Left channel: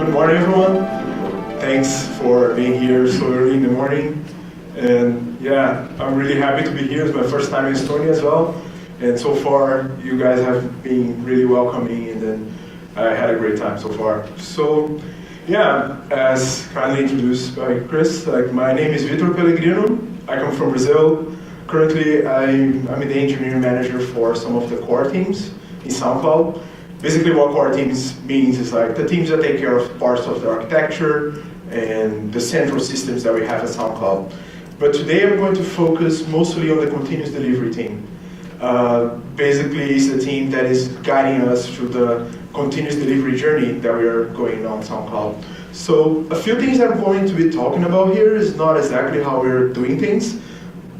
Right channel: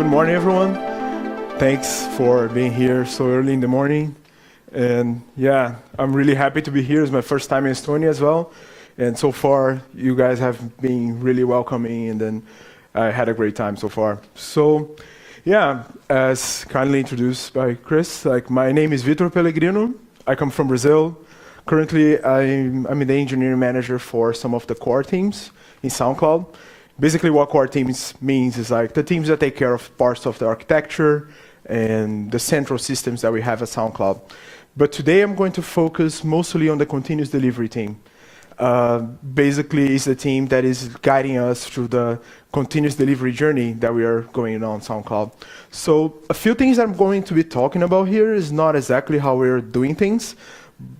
Good morning, everyone. Thanks for being here so early in the morning. And yeah, I'm really happy to be here. It's my first time in Estonia as well. And so far, you guys have been really welcoming, and then I had a great time so far. So yeah, as kindly introduced by Chris, my name is Vitor Pellegrino. I come from Brazil. Currently, I'm the engineering manager for some of the core teams in SoundCloud. Basically, what core teams means is the teams that take care of parts of the architecture and the central systems that we have at SoundCloud. But today, I'm going to focus mostly on the continuous delivery team. Basically, it's a team that is guiding us through the continuous delivery journey that we are going on SoundCloud. So a few things I'm going to be talking about here is not exactly how we're doing things,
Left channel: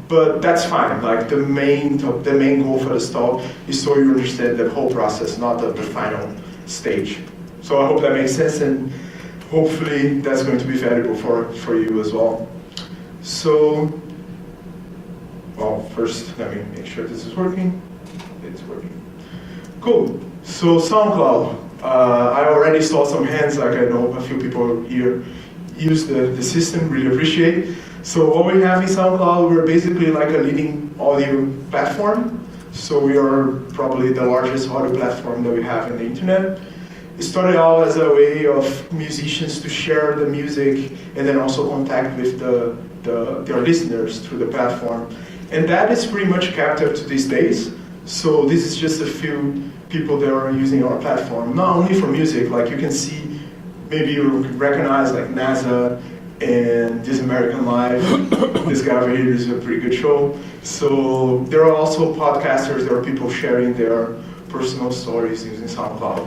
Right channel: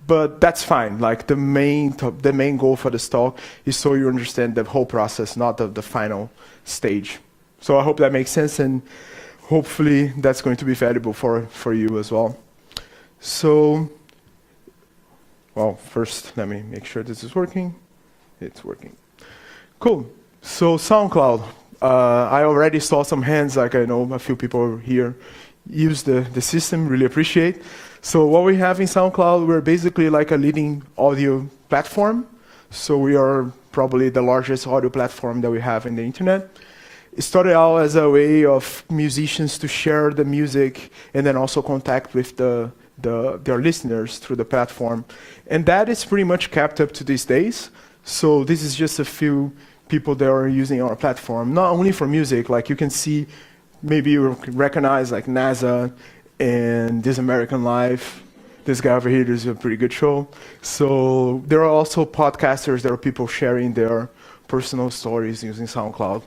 but that's fine. The main goal for this talk is so you understand the whole process, not the final stage. So I hope that makes sense, and hopefully that's going to be valuable for you as well. So, well, first let me make sure this is working. It's working. Cool. So SoundCloud. I already saw some hands. I know a few people here use the system. Really appreciate. So what we have in SoundCloud, we're basically a leading audio platform. So we are probably the largest audio platform that we have in the internet. It started out as a way of musicians to share the music and then also contact with their listeners through the platform. And that is pretty much kept up to these days. So this is just a few people that are using our platform, not only for music. You can see, maybe you recognize NASA and This American Life. This guy over here is a pretty good show. So there are also podcasters, there are people sharing their personal stories using SoundCloud.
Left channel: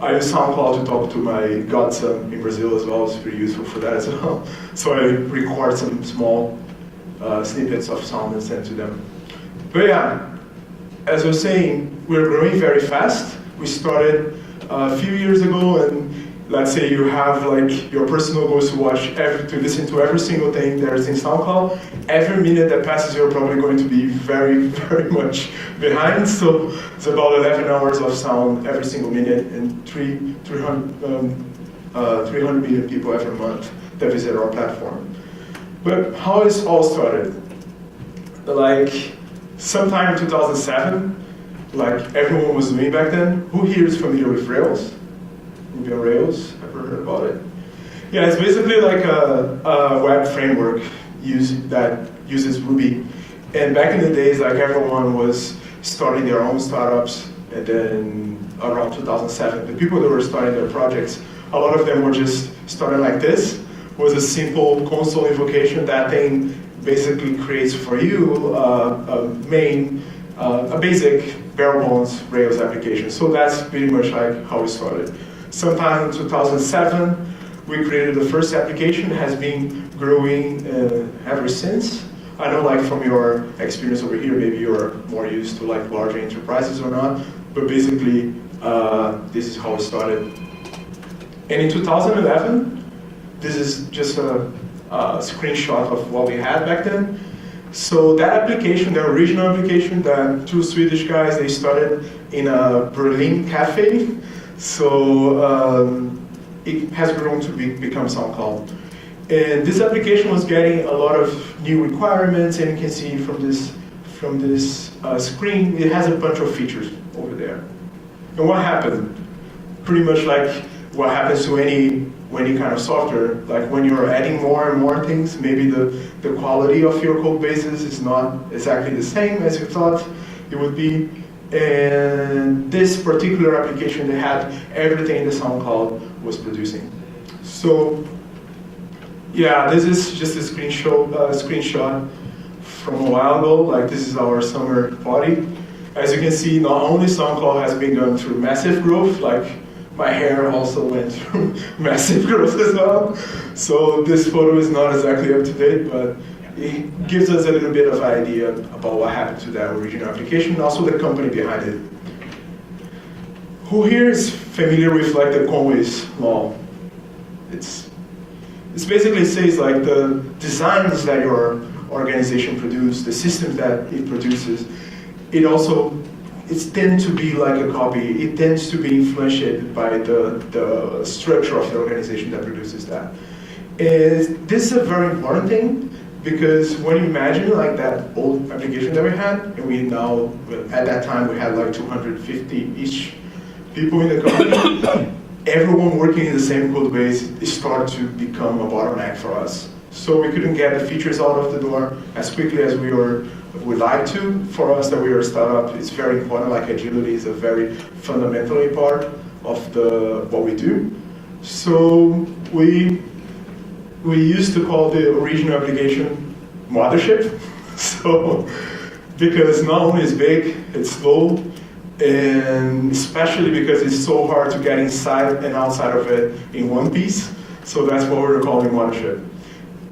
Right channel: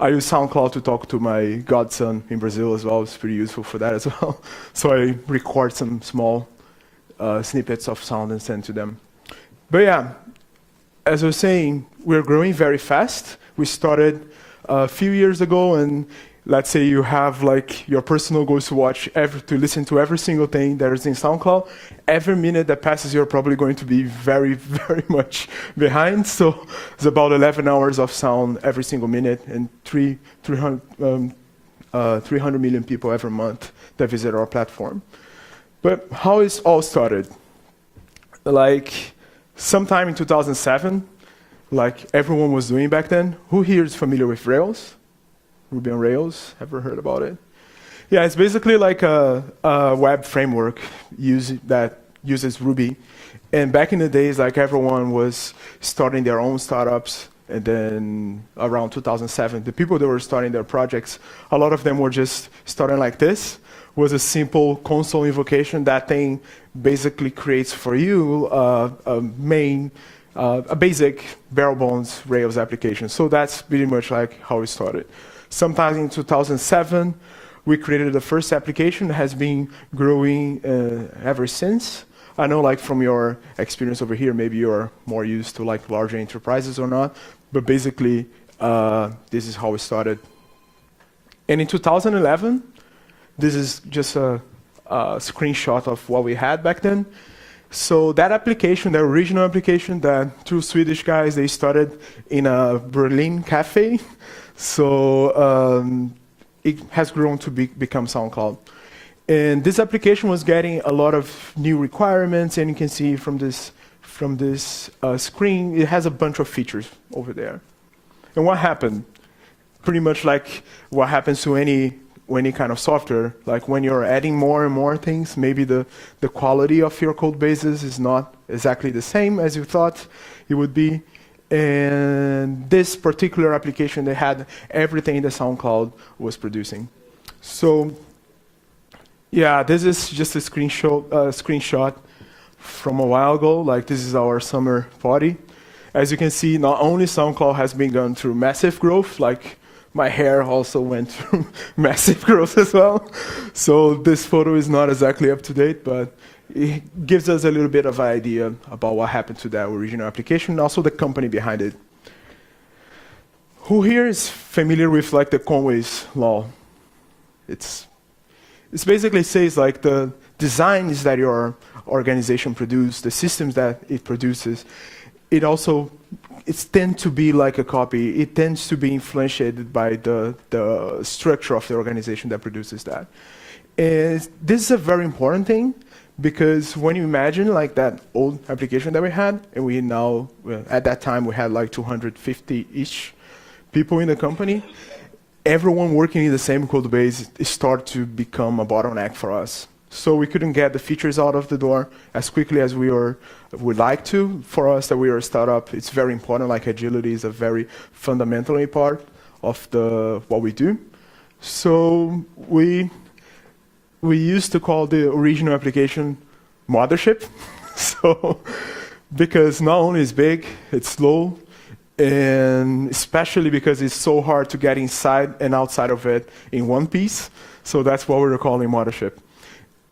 I use SoundCloud to talk to my godson in Brazil as well. It's pretty useful for that as well. So I record some small snippets of sound and send to them. But yeah, as I was saying, we're growing very fast. We started a few years ago, and let's say you have your personal goals to listen to every single thing that is in SoundCloud. Every minute that passes, you're probably going to be very, very much behind. So it's about 11 hours of sound every single minute, and 300 million people every month that visit our platform. But how it all started? Sometime in 2007, everyone was doing back then. Who here is familiar with Rails? Ruby on Rails, ever heard about it? Yeah, it's basically a web framework that uses Ruby. And back in the days, everyone was starting their own startups, and then around 2007, the people that were starting their projects, a lot of them were just starting like this, was a simple console invocation. That thing basically creates for you a basic bare bones Rails application. So that's pretty much how we started. Sometime in 2007, we created the first application. It has been growing ever since. I know from your experience over here, maybe you're more used to larger enterprises or not, but basically this is how it started. And in 2011, this is just a screenshot of what we had back then. So that application, the original application, that two Swedish guys, they started in a Berlin cafe. So it has grown to become SoundCloud. And this application was getting a lot of new requirements, and you can see from this screen, it has a bunch of features over there. And what happened? Pretty much what happens to any kind of software, when you're adding more and more things, maybe the quality of your code bases is not exactly the same as you thought it would be. And this particular application that had everything the SoundCloud was producing. So yeah, this is just a screenshot from a while ago. This is our summer party. As you can see, not only SoundCloud has been going through massive growth, my hair also went through massive growth as well. So this photo is not exactly up to date, but it gives us a little bit of idea about what happened to that original application, and also the company behind it. Who here is familiar with the Conway's law? It basically says the designs that your organization produces, the systems that it produces, it also it tends to be like a copy. It tends to be influenced by the structure of the organization that produces that. And this is a very important thing, because when you imagine like that old application that we had, and we now, well, at that time we had like 250-ish people in the company, everyone working in the same code base, it started to become a bottleneck for us. So we couldn't get the features out of the door as quickly as would like to. For us that we are a startup, it's very important, like agility is a very fundamentally part of what we do. So we used to call the original application mothership. So, because not only is big, it's slow, and especially because it's so hard to get inside and outside of it in one piece. So that's what we're calling mothership.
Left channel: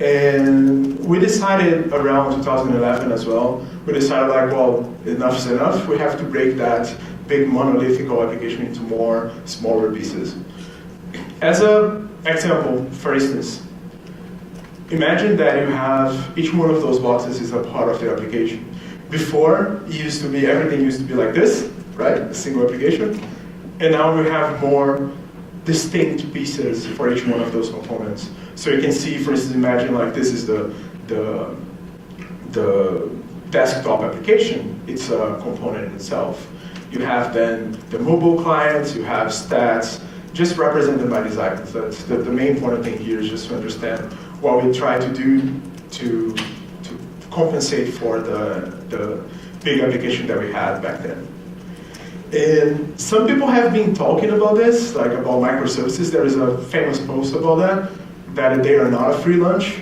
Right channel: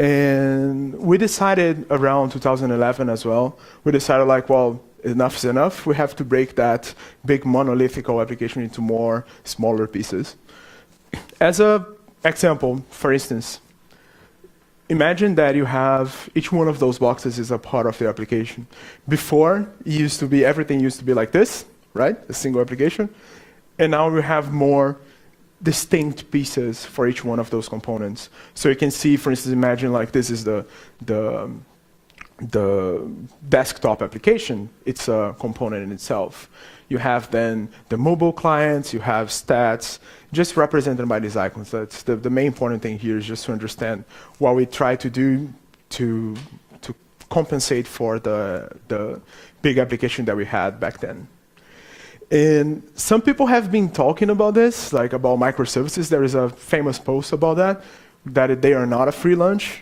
And we decided around 2011 as well, we decided like, well, enough is enough. We have to break that big monolithic application into more smaller pieces. As an example, for instance, imagine that you have, each one of those boxes is a part of the application. Before, everything used to be like this, right? A single application. And now we have more distinct pieces for each one of those components. So you can see, for instance, imagine like this is the desktop application. It's a component in itself. You have then the mobile clients, you have stats, just represented by these icons. That's the main important thing here is just to understand what we try to do to compensate for the big application that we had back then. And some people have been talking about this, like about microservices. There is a famous post about that they are not a free lunch.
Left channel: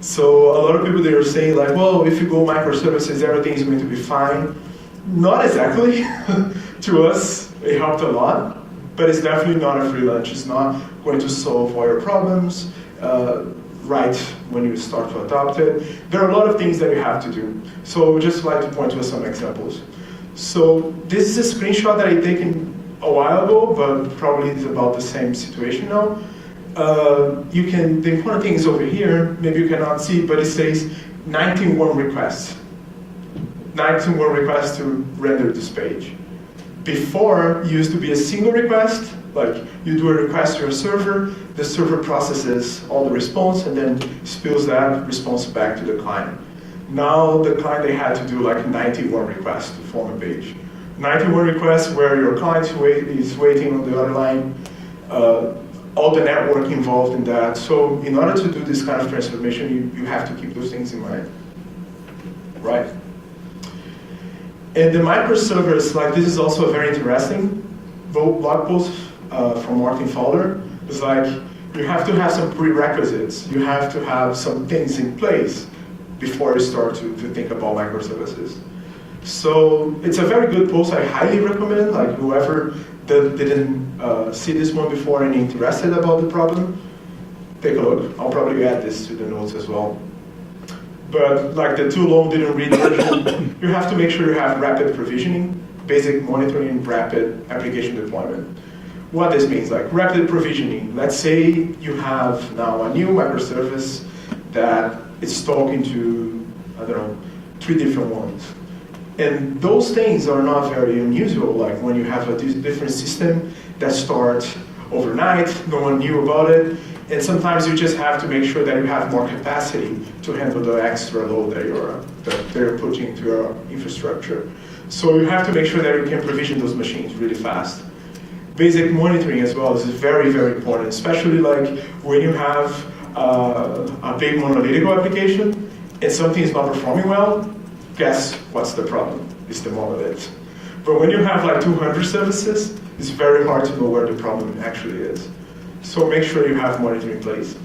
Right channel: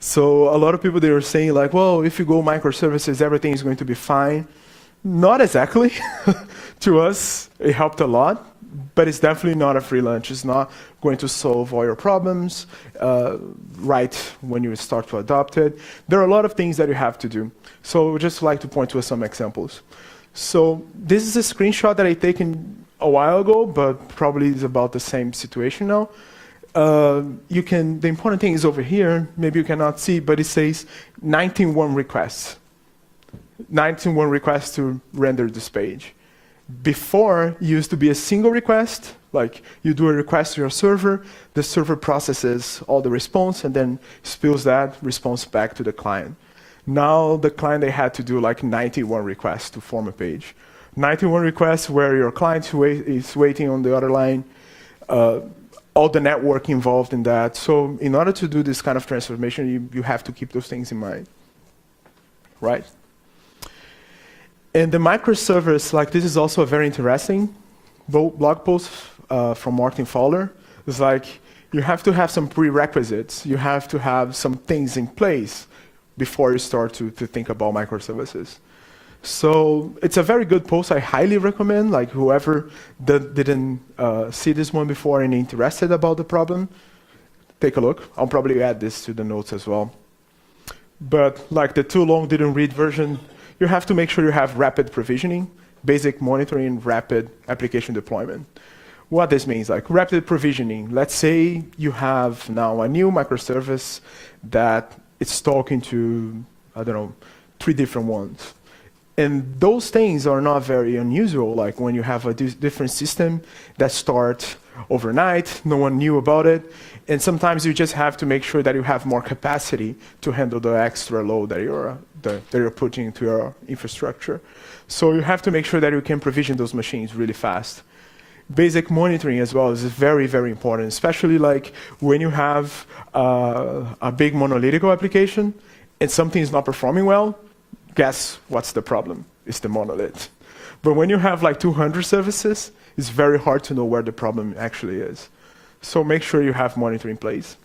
So a lot of people, they are saying like, well, if you go microservices, everything is going to be fine. Not exactly. To us, it helped a lot, but it's definitely not a free lunch. It's not going to solve all your problems right when you start to adopt it. There are a lot of things that you have to do. So we'd just like to point to some examples. So this is a screenshot that I taken a while ago, but probably it's about the same situation now. The important thing is over here, maybe you cannot see, but it says 19 warm requests. 19 warm requests to render this page. Before, it used to be a single request, like you do a request to your server, the server processes all the response and then spills that response back to the client. Now the client, they had to do like 91 requests to form a page. 91 requests where your client is waiting on the other line, all the network involved in that. So in order to do this kind of transformation, you have to keep those things in mind, right? And the microservers, like this is also a very interesting blog post from Martin Fowler. It's like you have to have some prerequisites. You have to have some things in place before you start to think about microservices. So it's a very good post. I highly recommend, like whoever didn't see this one before and interested about the problem, take a look. I'll probably add this to the notes as well. But like the too long didn't read version, you have to make sure you have rapid provisioning, basic monitoring, rapid application deployment. What this means, like rapid provisioning. Let's say you have now a new microservice that it's talking to, I don't know, 3 different ones. And those things are not very unusual, like when you have a different system that starts overnight, no one knew about it, and sometimes you just have to make sure that you have more capacity to handle the extra load that you're putting into your infrastructure. So you have to make sure that you can provision those machines really fast. Basic monitoring as well is very, very important, especially like when you have a big monolithic application and something is not performing well, guess what's the problem? It's the monolith. But when you have like 200 services, it's very hard to know where the problem actually is. So make sure you have monitoring in place.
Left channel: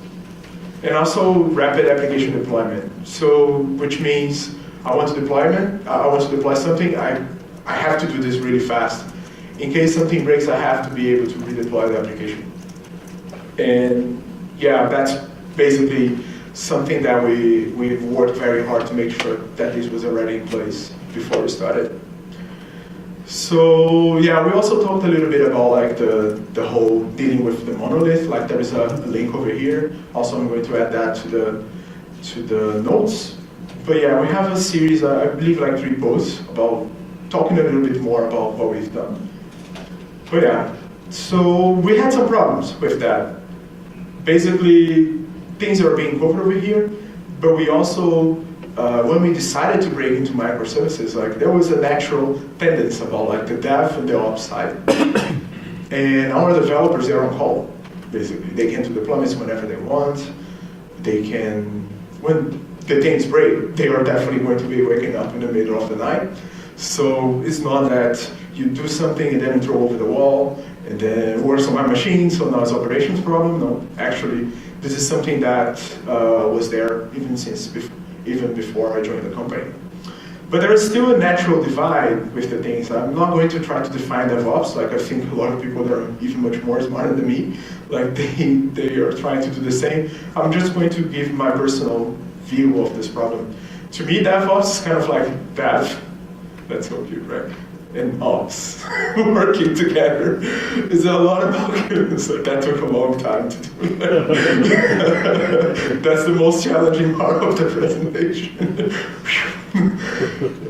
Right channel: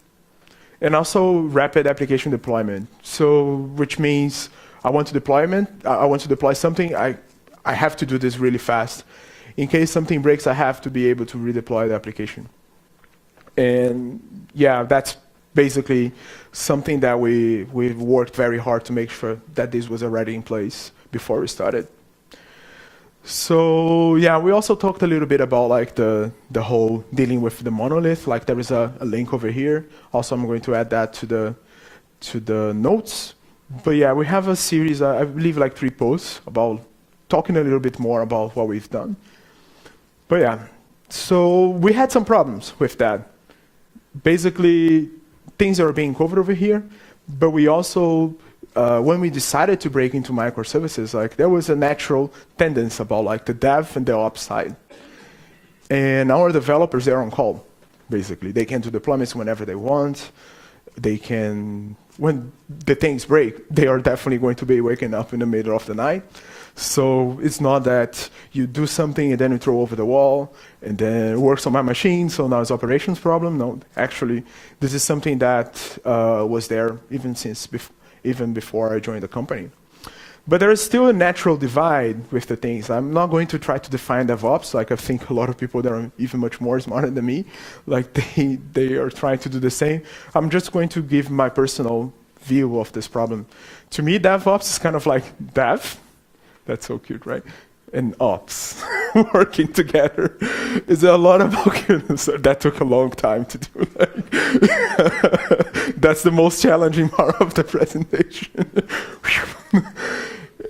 And also rapid application deployment. So which means I want to deploy something, I have to do this really fast. In case something breaks, I have to be able to redeploy the application. And yeah, that's basically something that we worked very hard to make sure that this was already in place before we started. So yeah, we also talked a little bit about like the whole dealing with the monolith. Like there is a link over here. Also, I'm going to add that to the notes. But yeah, we have a series, I believe like 3 posts about talking a little bit more about what we've done. But yeah, so we had some problems with that. Basically, things are being covered over here, but we also, when we decided to break into microservices, like there was a natural tendency about like the dev and the ops side. And our developers, they're on call, basically. They can do deployments whenever they want. They can, when the things break, they are definitely going to be waking up in the middle of the night. So it's not that you do something and then you throw over the wall and then it works on my machine, so now it's operations problem. No, actually, this is something that was there even before I joined the company. But there is still a natural divide with the things. I'm not going to try to define DevOps, like I think a lot of people that are even much more smarter than me, like they are trying to do the same. I'm just going to give my personal view of this problem. To me, DevOps is kind of like dev, that's so cute, right? And ops working together. It's a lot of so that took a long time to do. That's the most challenging part of the presentation.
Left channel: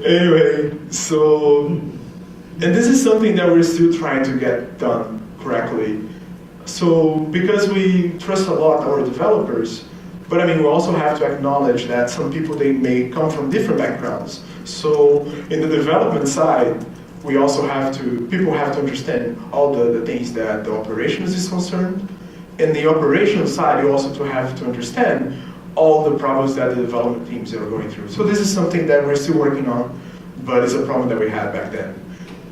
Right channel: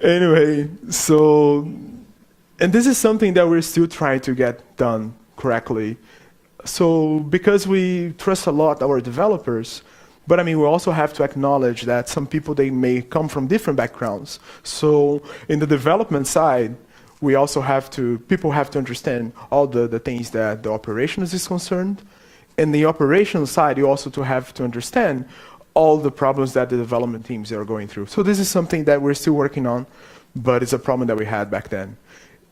Anyway, so, and this is something that we're still trying to get done correctly. So, because we trust a lot our developers, but I mean, we also have to acknowledge that some people, they may come from different backgrounds. So, in the development side, we also have to, people have to understand all the things that the operations is concerned. In the operational side, you also have to understand all the problems that the development teams are going through. So this is something that we're still working on, but it's a problem that we had back then.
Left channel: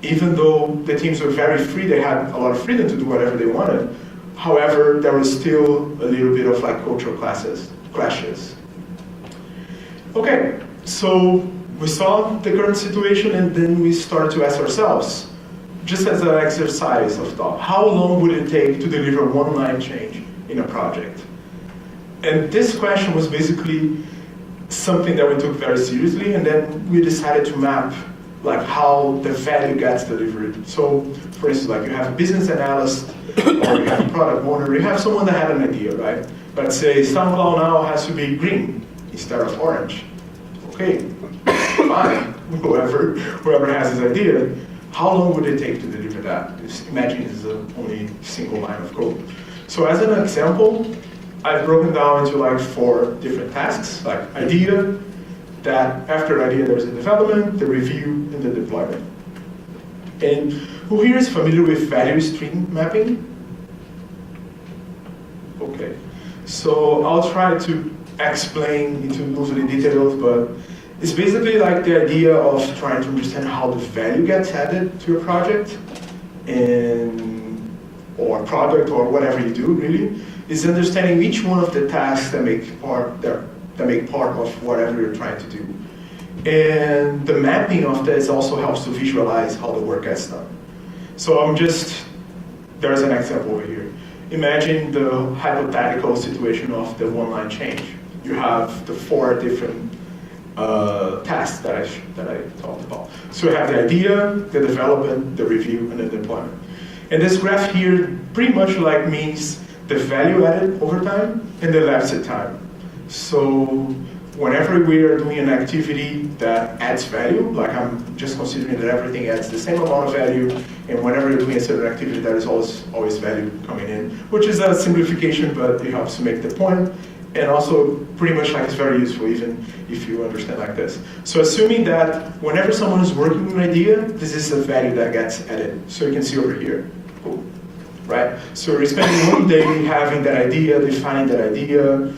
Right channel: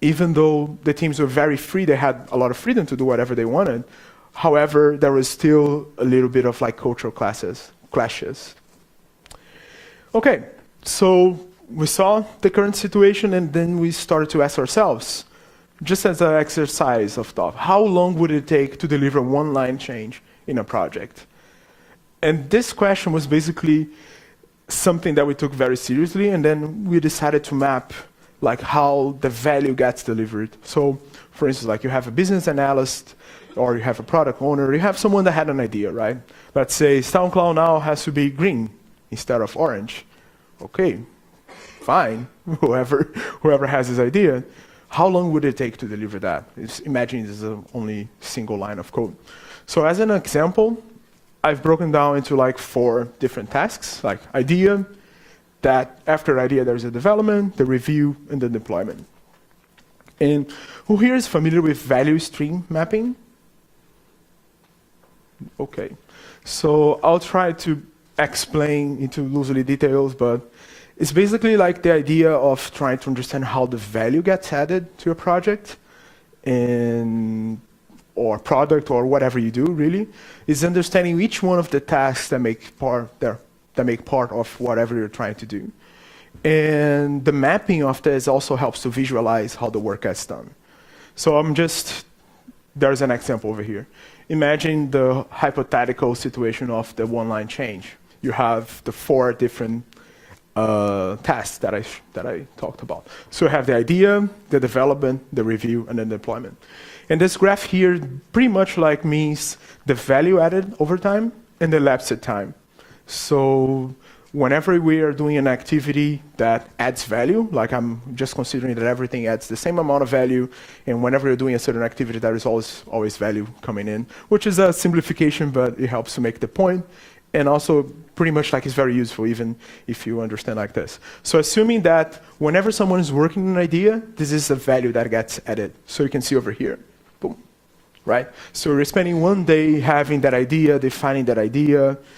Even though the teams were very free, they had a lot of freedom to do whatever they wanted. However, there was still a little bit of like cultural clashes. Okay, so we saw the current situation and then we started to ask ourselves, just as an exercise of thought, how long would it take to deliver one line change in a project? And this question was basically something that we took very seriously, and then we decided to map like how the value gets delivered. So for instance, like you have a business analyst or you have a product owner, you have someone that had an idea, right? Let's say SoundCloud now has to be green instead of orange. Okay, fine, whoever has his idea, how long would it take to deliver that? Imagine it's only a single line of code. So as an example, I've broken down into like 4 different tasks, like idea, that after idea there's a development, the review, and the deployment. And who here is familiar with value stream mapping? Okay, so I'll try to explain into loosely details, but it's basically like the idea of trying to understand how the value gets added to a project or product or whatever you do, really, is understanding each one of the tasks that make part of whatever you're trying to do. And the mapping of this also helps to visualize how the work gets done. So there's an example over here. Imagine the hypothetical situation of the one-line change. You have the 4 different tasks that I talked about. So you have the idea, the development, the review, and the deployment. And this graph here pretty much like means the value added over time and the elapsed time. So whenever we are doing an activity that adds value, like I'm just considering that everything adds the same amount of value, and whenever you're doing a certain activity, there is always value coming in, which is a simplification, but it helps to make the point. And also pretty much like it's very useful even if you understand like this. So assuming that whenever someone is working on an idea, this is a value that gets added. So you can see over here, right? So we're spending one day having that idea, defining that idea,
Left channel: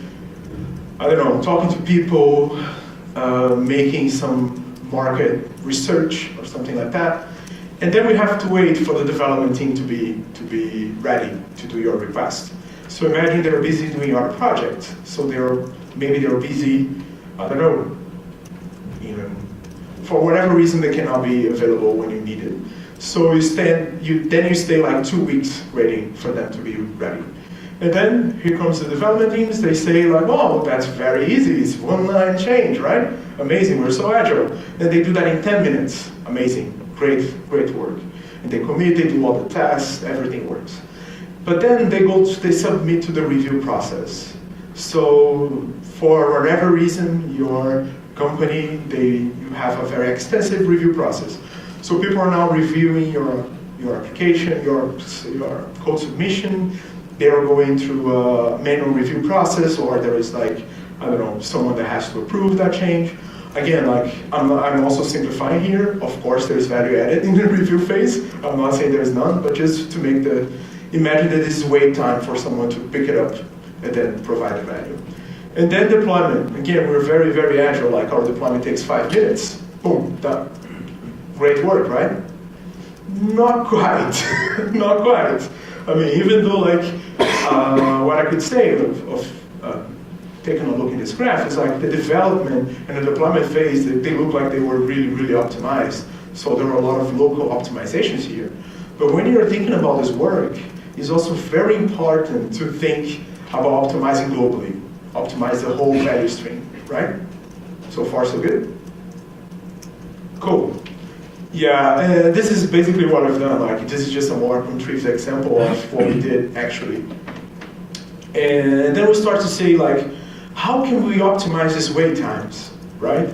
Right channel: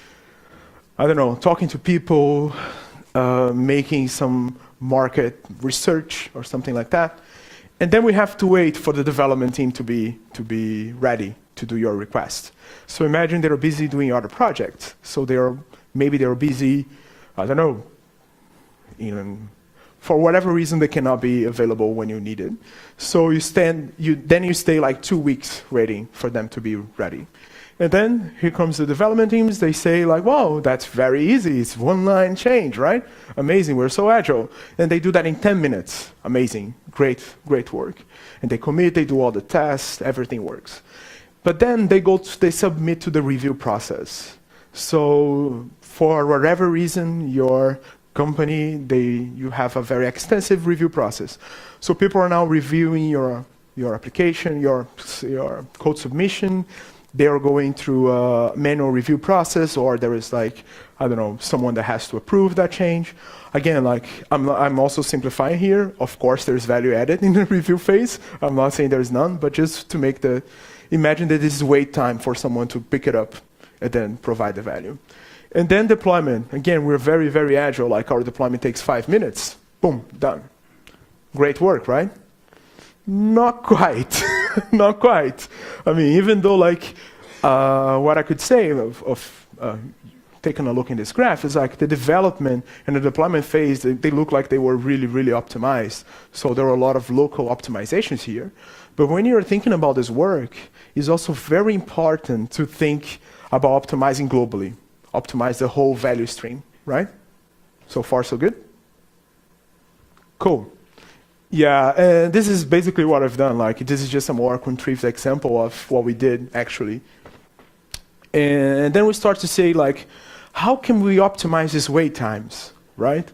I don't know, talking to people, making some market research or something like that. And then we have to wait for the development team to be ready to do your request. So imagine they're busy doing other projects. So maybe they're busy, I don't know, for whatever reason they cannot be available when you need it. So you stay like 2 weeks waiting for them to be ready. And then here comes the development teams, they say like, wow, that's very easy, it's one-line change, right? Amazing, we're so agile. And they do that in 10 minutes, amazing, great work. And they commit, they do all the tests, everything works. But then they submit to the review process. So for whatever reason, your company, you have a very extensive review process. So people are now reviewing your application, your code submission. They are going through a manual review process, or there is like, I don't know, someone that has to approve that change. Again, like I'm also simplifying here. Of course, there's value added in the review phase. I'm not saying there is none, but just to make imagine that this is wait time for someone to pick it up and then provide the value. And then deployment. Again, we're very, very agile. Like our deployment takes 5 minutes. Boom, done. Great work, right? Not quite. Not quite. I mean, even though like what I could say of taking a look in this graph is like the development and the deployment phase, they look like they were really, really optimized. So there are a lot of local optimizations here. But when you're thinking about this work, it's also very important to think about optimizing globally, optimize the whole value stream, right? So far, so good? Cool. Yeah, this is basically what I've done. Like, this is just a more contrived example of what we did, actually. And then we start to say, like, how can we optimize these wait times, right?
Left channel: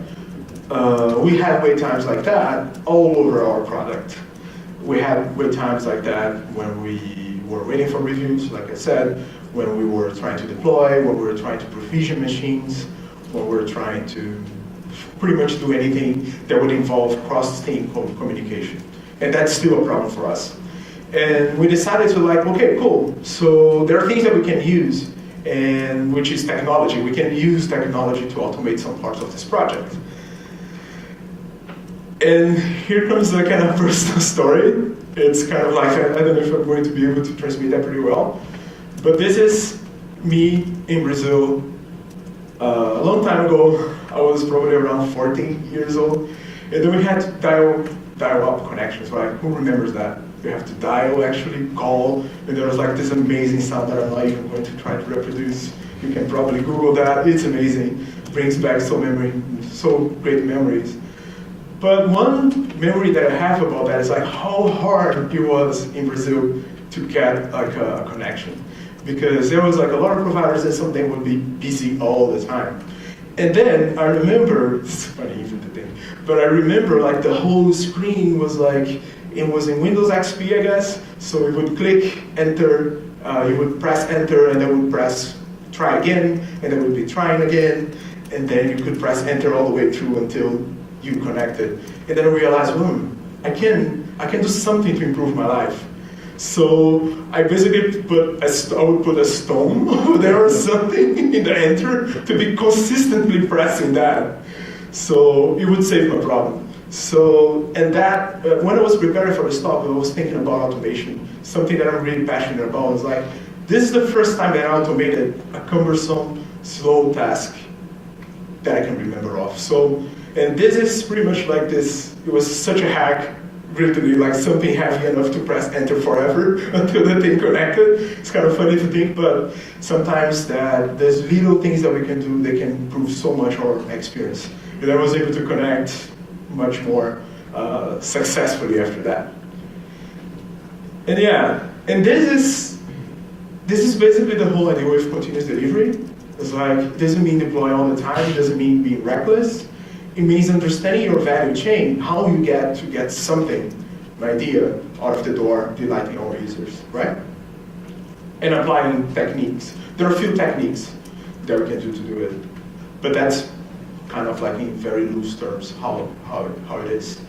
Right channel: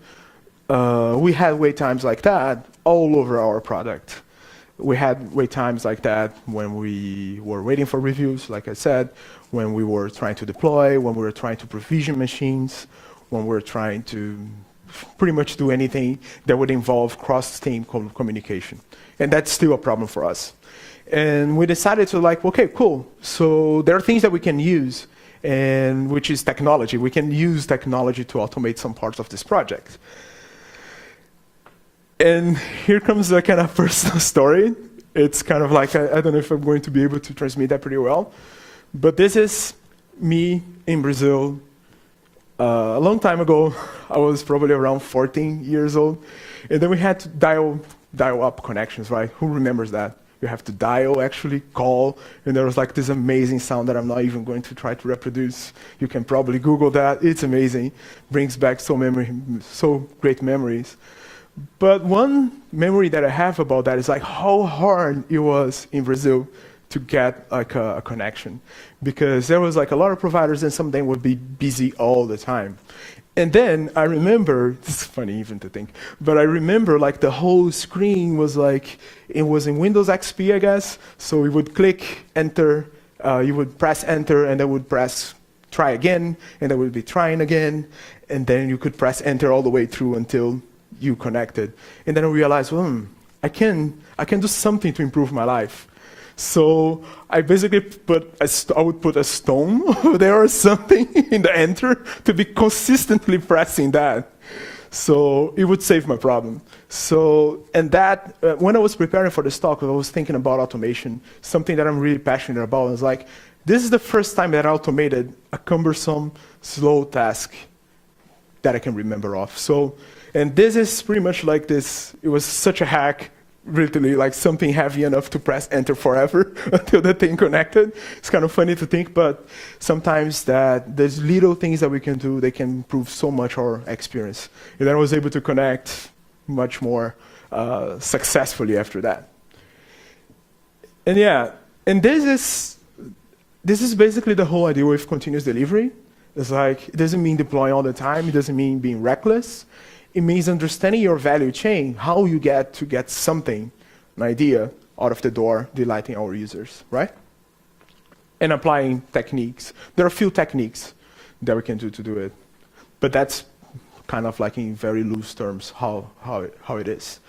We had wait times like that all over our product. We had wait times like that when we were waiting for reviews, like I said, when we were trying to deploy, when we were trying to provision machines, when we were trying to pretty much do anything that would involve cross-team communication. And that's still a problem for us. And we decided to like, okay, cool. So there are things that we can use, and which is technology. We can use technology to automate some parts of this project. And here comes a kind of personal story. It's kind of like, I don't know if I'm going to be able to transmit that pretty well. But this is me in Brazil. A long time ago, I was probably around 14 years old. And then we had to dial up connections, right? Who remembers that? You have to dial, actually call, and there was like this amazing sound that I'm not even going to try to reproduce. You can probably Google that, it's amazing. Brings back so great memories. But one memory that I have about that is like how hard it was in Brazil to get like a connection. Because there was like a lot of providers and some of them would be busy all the time. And then I remember, it's funny even to think, but I remember like the whole screen was like, it was in Windows XP, I guess. So we would click enter, you would press enter, and then would press try again, and then we'd be trying again, and then you could press enter all the way through until you connected. And then I realized, I can do something to improve my life. So I basically I would put a stone over there or something in the enter to be consistently pressing that. So it would save my problem. So, and that, when I was preparing for this talk, I was thinking about automation, something that I'm really passionate about. I was like, this is the first time that I automated a cumbersome, slow task that I can remember of. So, and this is pretty much like this, it was such a hack, literally like something heavy enough to press enter forever until the thing connected. It's kind of funny to think, but sometimes that there's little things that we can do, they can improve so much our experience. And I was able to connect much more successfully after that. And yeah, and this is basically the whole idea with continuous delivery. It's like, it doesn't mean deploy all the time, it doesn't mean being reckless. It means understanding your value chain, how you get to get something, an idea, out of the door, delighting our users, right? And applying techniques. There are a few techniques that we can do to do it, but that's kind of like in very loose terms how it is.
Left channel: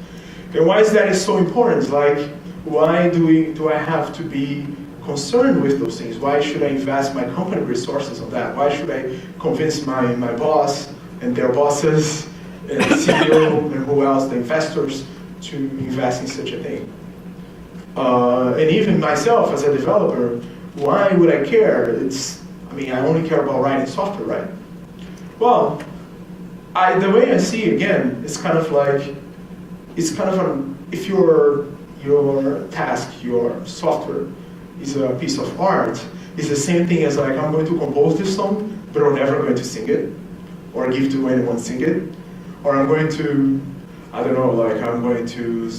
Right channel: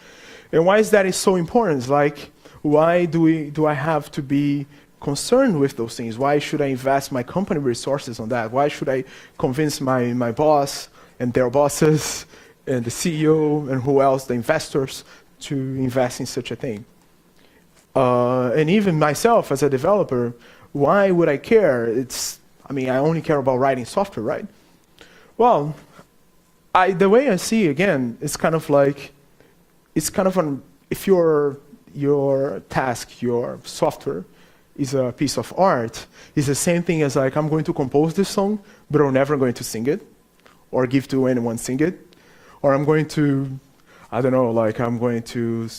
And why is that so important? Like, why do I have to be concerned with those things? Why should I invest my company resources on that? Why should I convince my boss and their bosses and the CEO and who else, the investors, to invest in such a thing? And even myself as a developer, why would I care? I only care about writing software, right? Well, the way I see, again, it's kind of like, if your task, your software is a piece of art, it's the same thing as like, I'm going to compose this song, but I'm never going to sing it, or give to anyone sing it, or I'm going to, I don't know, like I'm going to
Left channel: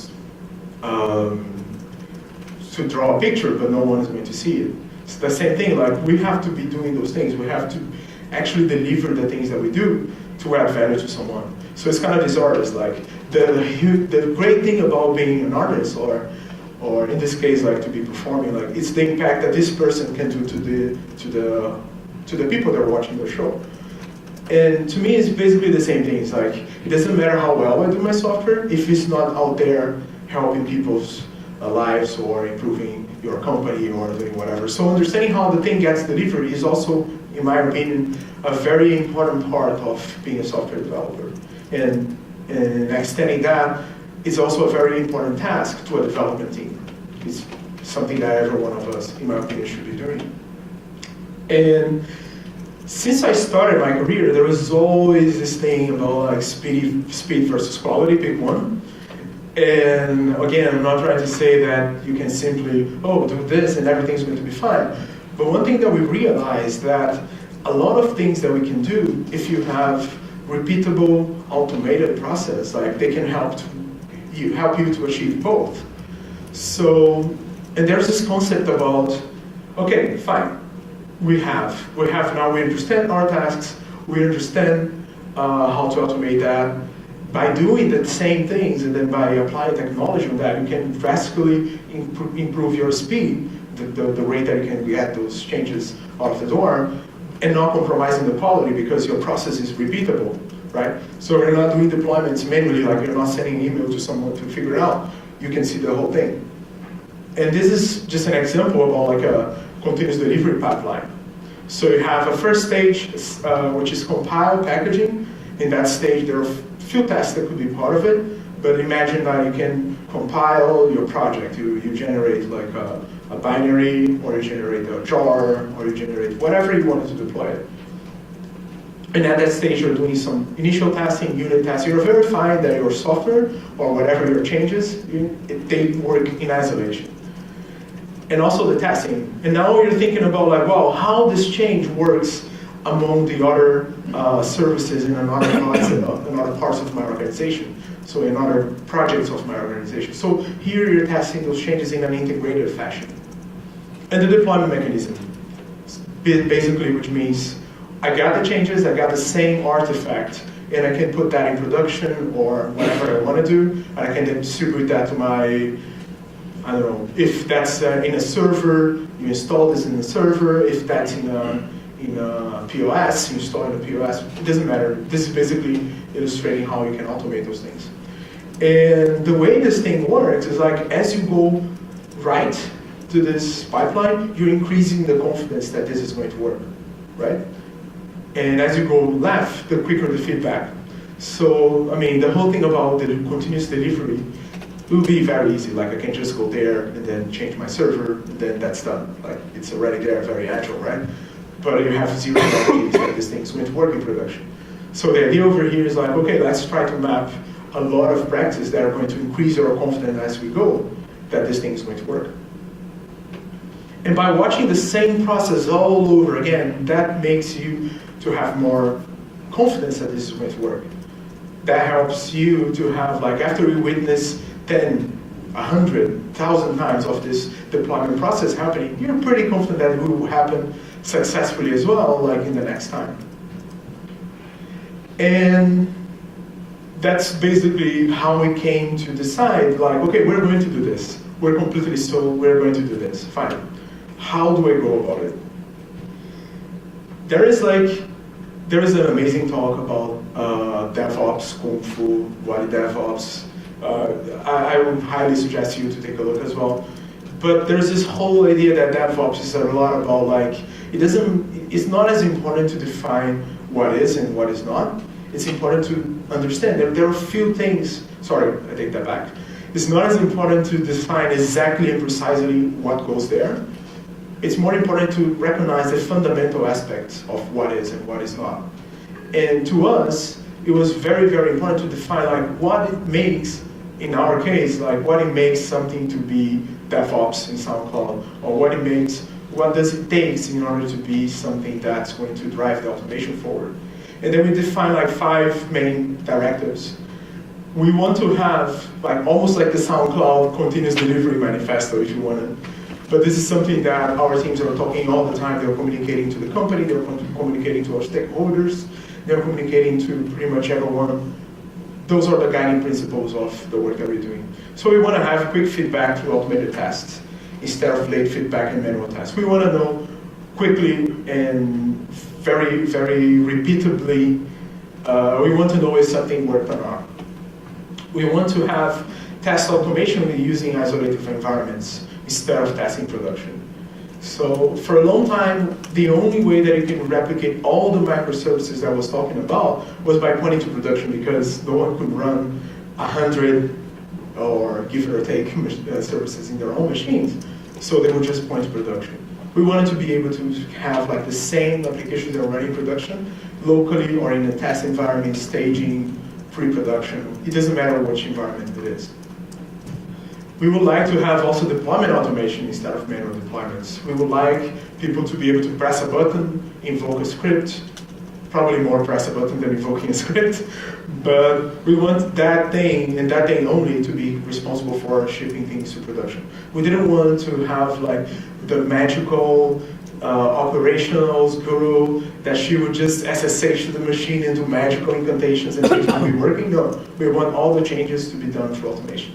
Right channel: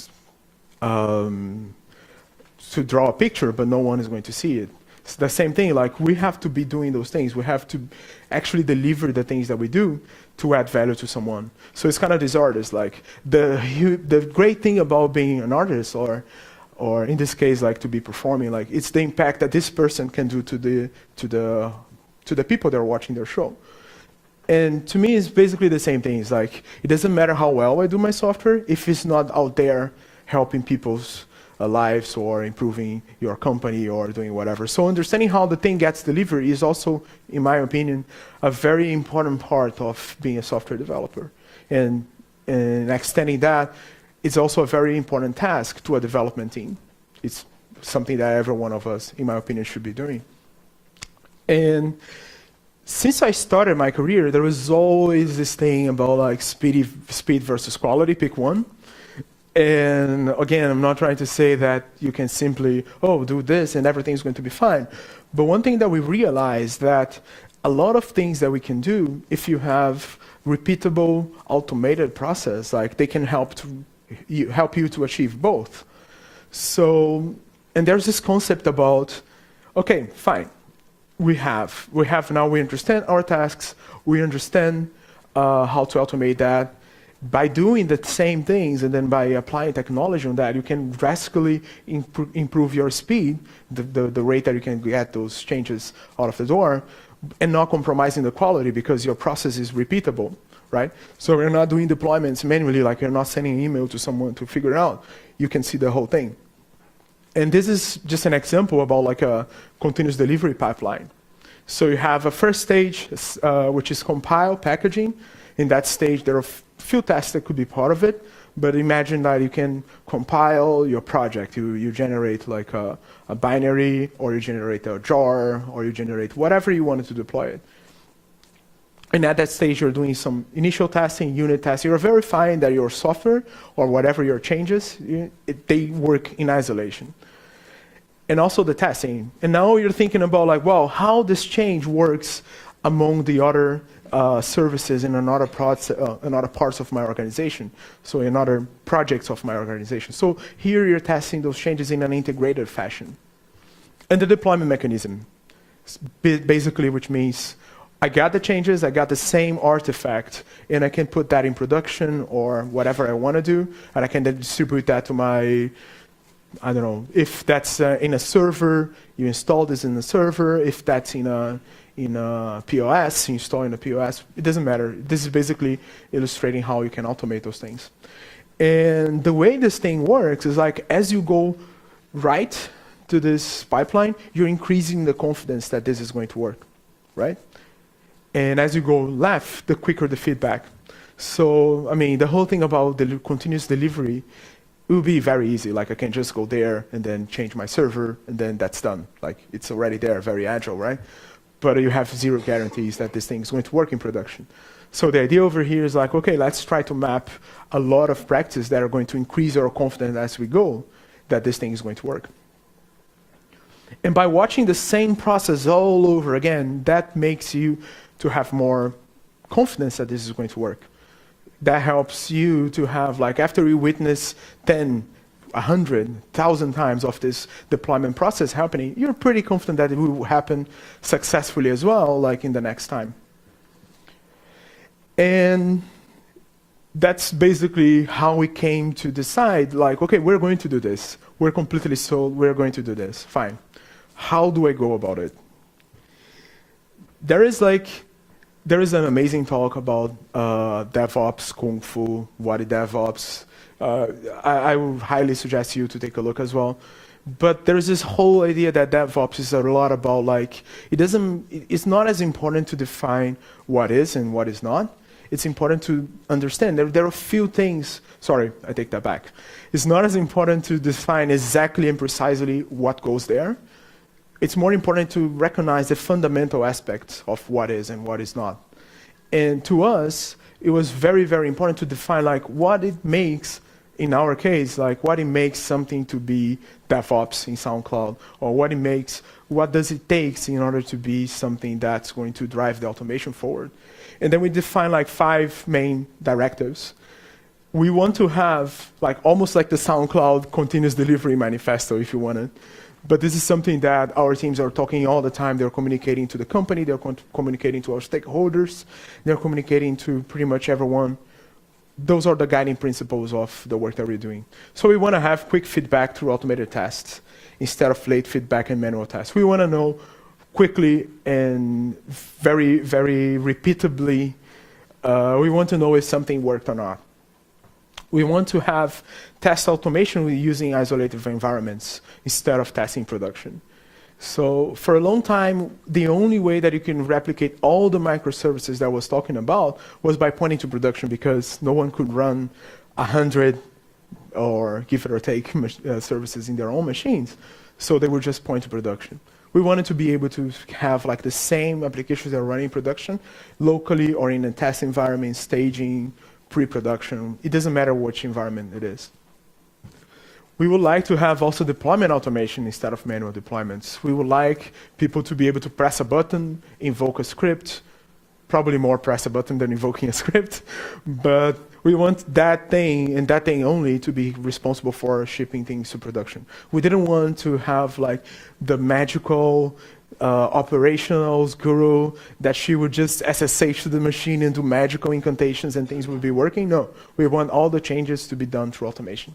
draw a picture, but no one is going to see it. It's the same thing, like we have to be doing those things. We have to actually deliver the things that we do to add value to someone. So it's kind of these artists. Like the great thing about being an artist, or in this case, like to be performing, like it's the impact that this person can do to the people that are watching the show. And to me, it's basically the same thing. It's like, it doesn't matter how well I do my software if it's not out there helping people's lives or improving your company or doing whatever. So understanding how the thing gets delivered is also, in my opinion, a very important part of being a software developer. And extending that is also a very important task to a development team. It's something that every one of us, in my opinion, should be doing. And since I started my career, there was always this thing about like speed versus quality, pick one. And again, I'm not trying to say that you can simply, do this and everything's going to be fine. But one thing that we realized that a lot of things that we can do, if you have repeatable, automated process, like they can help you to achieve both. So, and there's this concept about, okay, fine. We understand our tasks, we understand how to automate that. By doing the same things and then by applying technology on that, you can drastically improve your speed, the rate that you can get those changes out of the door, and not compromising the quality because your process is repeatable, right? So you're not doing deployments manually, like you're not sending email to someone to figure it out. You can see the whole thing. And this is just an example about like a continuous delivery pipeline. So you have a first stage, which is compile packaging. In that stage, there are few tests that could be part of it, but imagine that you can compile your project. You generate like a binary, or you generate a jar, or you generate whatever you wanted to deploy it. And at that stage, you're doing some initial testing, unit testing. You're verifying that your software, or whatever your changes, they work in isolation. And also the testing. And now you're thinking about like, wow, how this change works among the other services in another parts of my organization, so in other projects of my organization. So here you're testing those changes in an integrated fashion. And the deployment mechanism, basically, which means I got the changes, I got the same artifact, and I can put that in production or whatever I want to do, and I can then distribute that to my, I don't know, if that's in a server, you install this in the server. If that's in a POS, you install in a POS. It doesn't matter. This is basically illustrating how you can automate those things. And the way this thing works is like as you go right to this pipeline, you're increasing the confidence that this is going to work, right? And as you go left, the quicker the feedback. So, I mean, the whole thing about the continuous delivery, it will be very easy. Like I can just go there and then change my server, and then that's done. Like it's already there, very agile, right? But you have zero guarantees that this thing is going to work in production. So the idea over here is like, okay, let's try to map a lot of practices that are going to increase our confidence as we go that this thing is going to work. And by watching the same process all over again, that makes you to have more confidence that this is going to work. That helps you to have, like, after you witness 10, 100, 1,000 times of this deployment process happening, you're pretty confident that it will happen successfully as well, like in the next time. And that's basically how we came to decide, like, okay, we're going to do this. We're completely so, we're going to do this, fine. How do I go about it? There is an amazing talk about DevOps, Kung Fu, what is DevOps. I would highly suggest you to take a look as well. But there's this whole idea that DevOps is a lot about like, it's not as important to define what is and what is not. It's important to understand that there are few things, sorry, I take that back. It's not as important to define exactly and precisely what goes there. It's more important to recognize the fundamental aspects of what is and what is not. And to us, it was very, very important to define like what it makes, in our case, like what it makes something to be DevOps in SoundCloud, or what does it take in order to be something that's going to drive the automation forward. And then we define like 5 main directives. We want to have like almost like the SoundCloud continuous delivery manifesto, if you want to. But this is something that our teams are talking all the time. They're communicating to the company, they're communicating to our stakeholders, they're communicating to pretty much everyone those are the guiding principles of the work that we're doing. So we want to have quick feedback through automated tests instead of late feedback and manual tests. We want to know quickly and very, very repeatably. We want to know if something worked or not. We want to have test automation using isolated environments instead of testing production. So for a long time, the only way that you can replicate all the microservices that I was talking about was by pointing to production, because no one could run 100 or give it or take services in their own machines. So they would just point to production. We wanted to be able to have like the same applications that are running production locally or in a test environment, staging, pre-production. It doesn't matter which environment it is. We would like to have also deployment automation instead of manual deployments. We would like people to be able to press a button, invoke a script, probably more press a button than invoking a script, but we want that thing and that thing only to be responsible for shipping things to production. We didn't want to have like the magical operationals guru that she would just SSH to the machine and do magical incantations and things will be working. No, we want all the changes to be done through automation.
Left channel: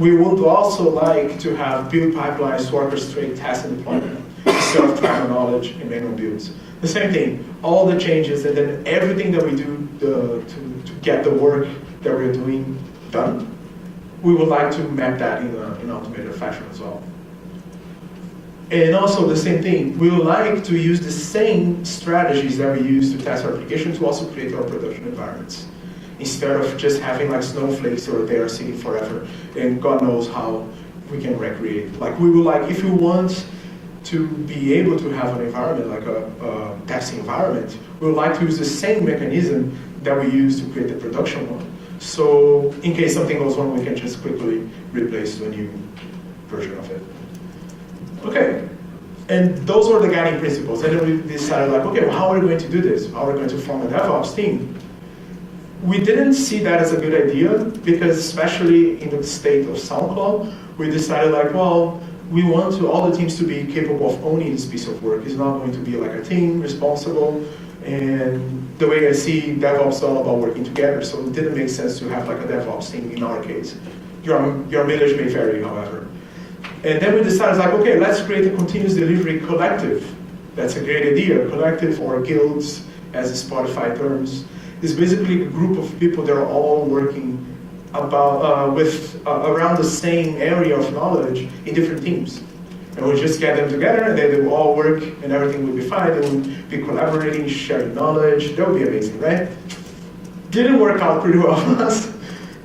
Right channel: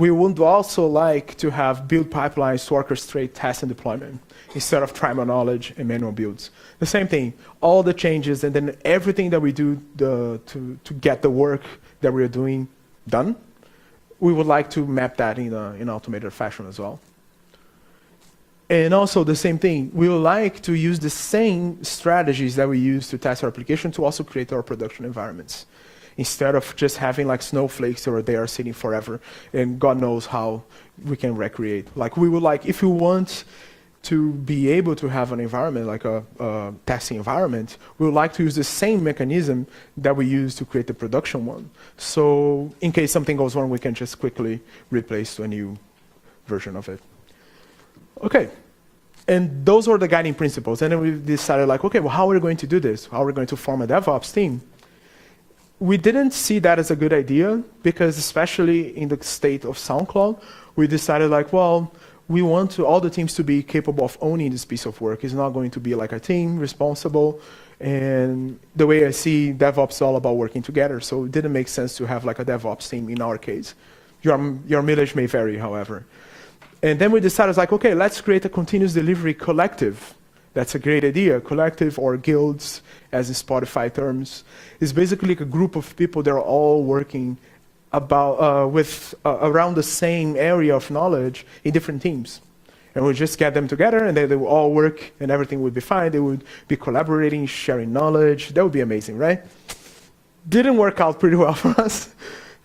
We would also like to have build pipelines to orchestrate test and deployment instead of trial knowledge and manual builds. The same thing, all the changes and then everything that we do to get the work that we're doing done, we would like to map that in an automated fashion as well. And also the same thing, we would like to use the same strategies that we use to test our application to also create our production environments, instead of just having like snowflakes that are there sitting forever and God knows how we can recreate. Like we would like, if you want to be able to have an environment like a testing environment, we would like to use the same mechanism that we use to create the production one. So in case something goes wrong, we can just quickly replace to a new version of it. Okay, and those were the guiding principles. And then we decided like, okay, well, how are we going to do this? How are we going to form a DevOps team? We didn't see that as a good idea because especially in the state of SoundCloud, we decided like, well, we want all the teams to be capable of owning this piece of work. It's not going to be like a team responsible. And the way I see DevOps is all about working together. So it didn't make sense to have like a DevOps team in our case. Your mileage may vary, however. And then we decided like, okay, let's create a continuous delivery collective. That's a great idea. Collective or guilds, as Spotify terms, is basically a group of people that are all working around the same area of knowledge in different teams. And we'll just get them together and then they will all work and everything will be fine. They will be collaborating, sharing knowledge. That would be amazing, right? Didn't work out pretty well for us.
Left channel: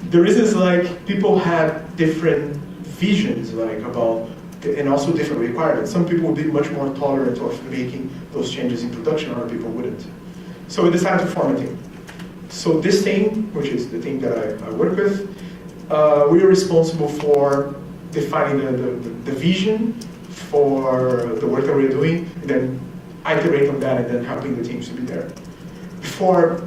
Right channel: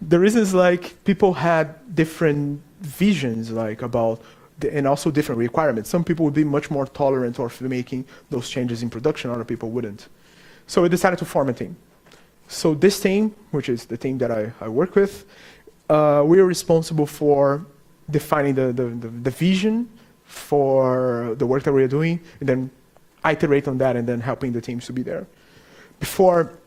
The reason is like people had different visions like about, and also different requirements. Some people would be much more tolerant of making those changes in production, other people wouldn't. So we decided to form a team. So this team, which is the team that I work with, we are responsible for defining the vision for the work that we're doing, and then iterate on that, and then helping the teams to be there. Before,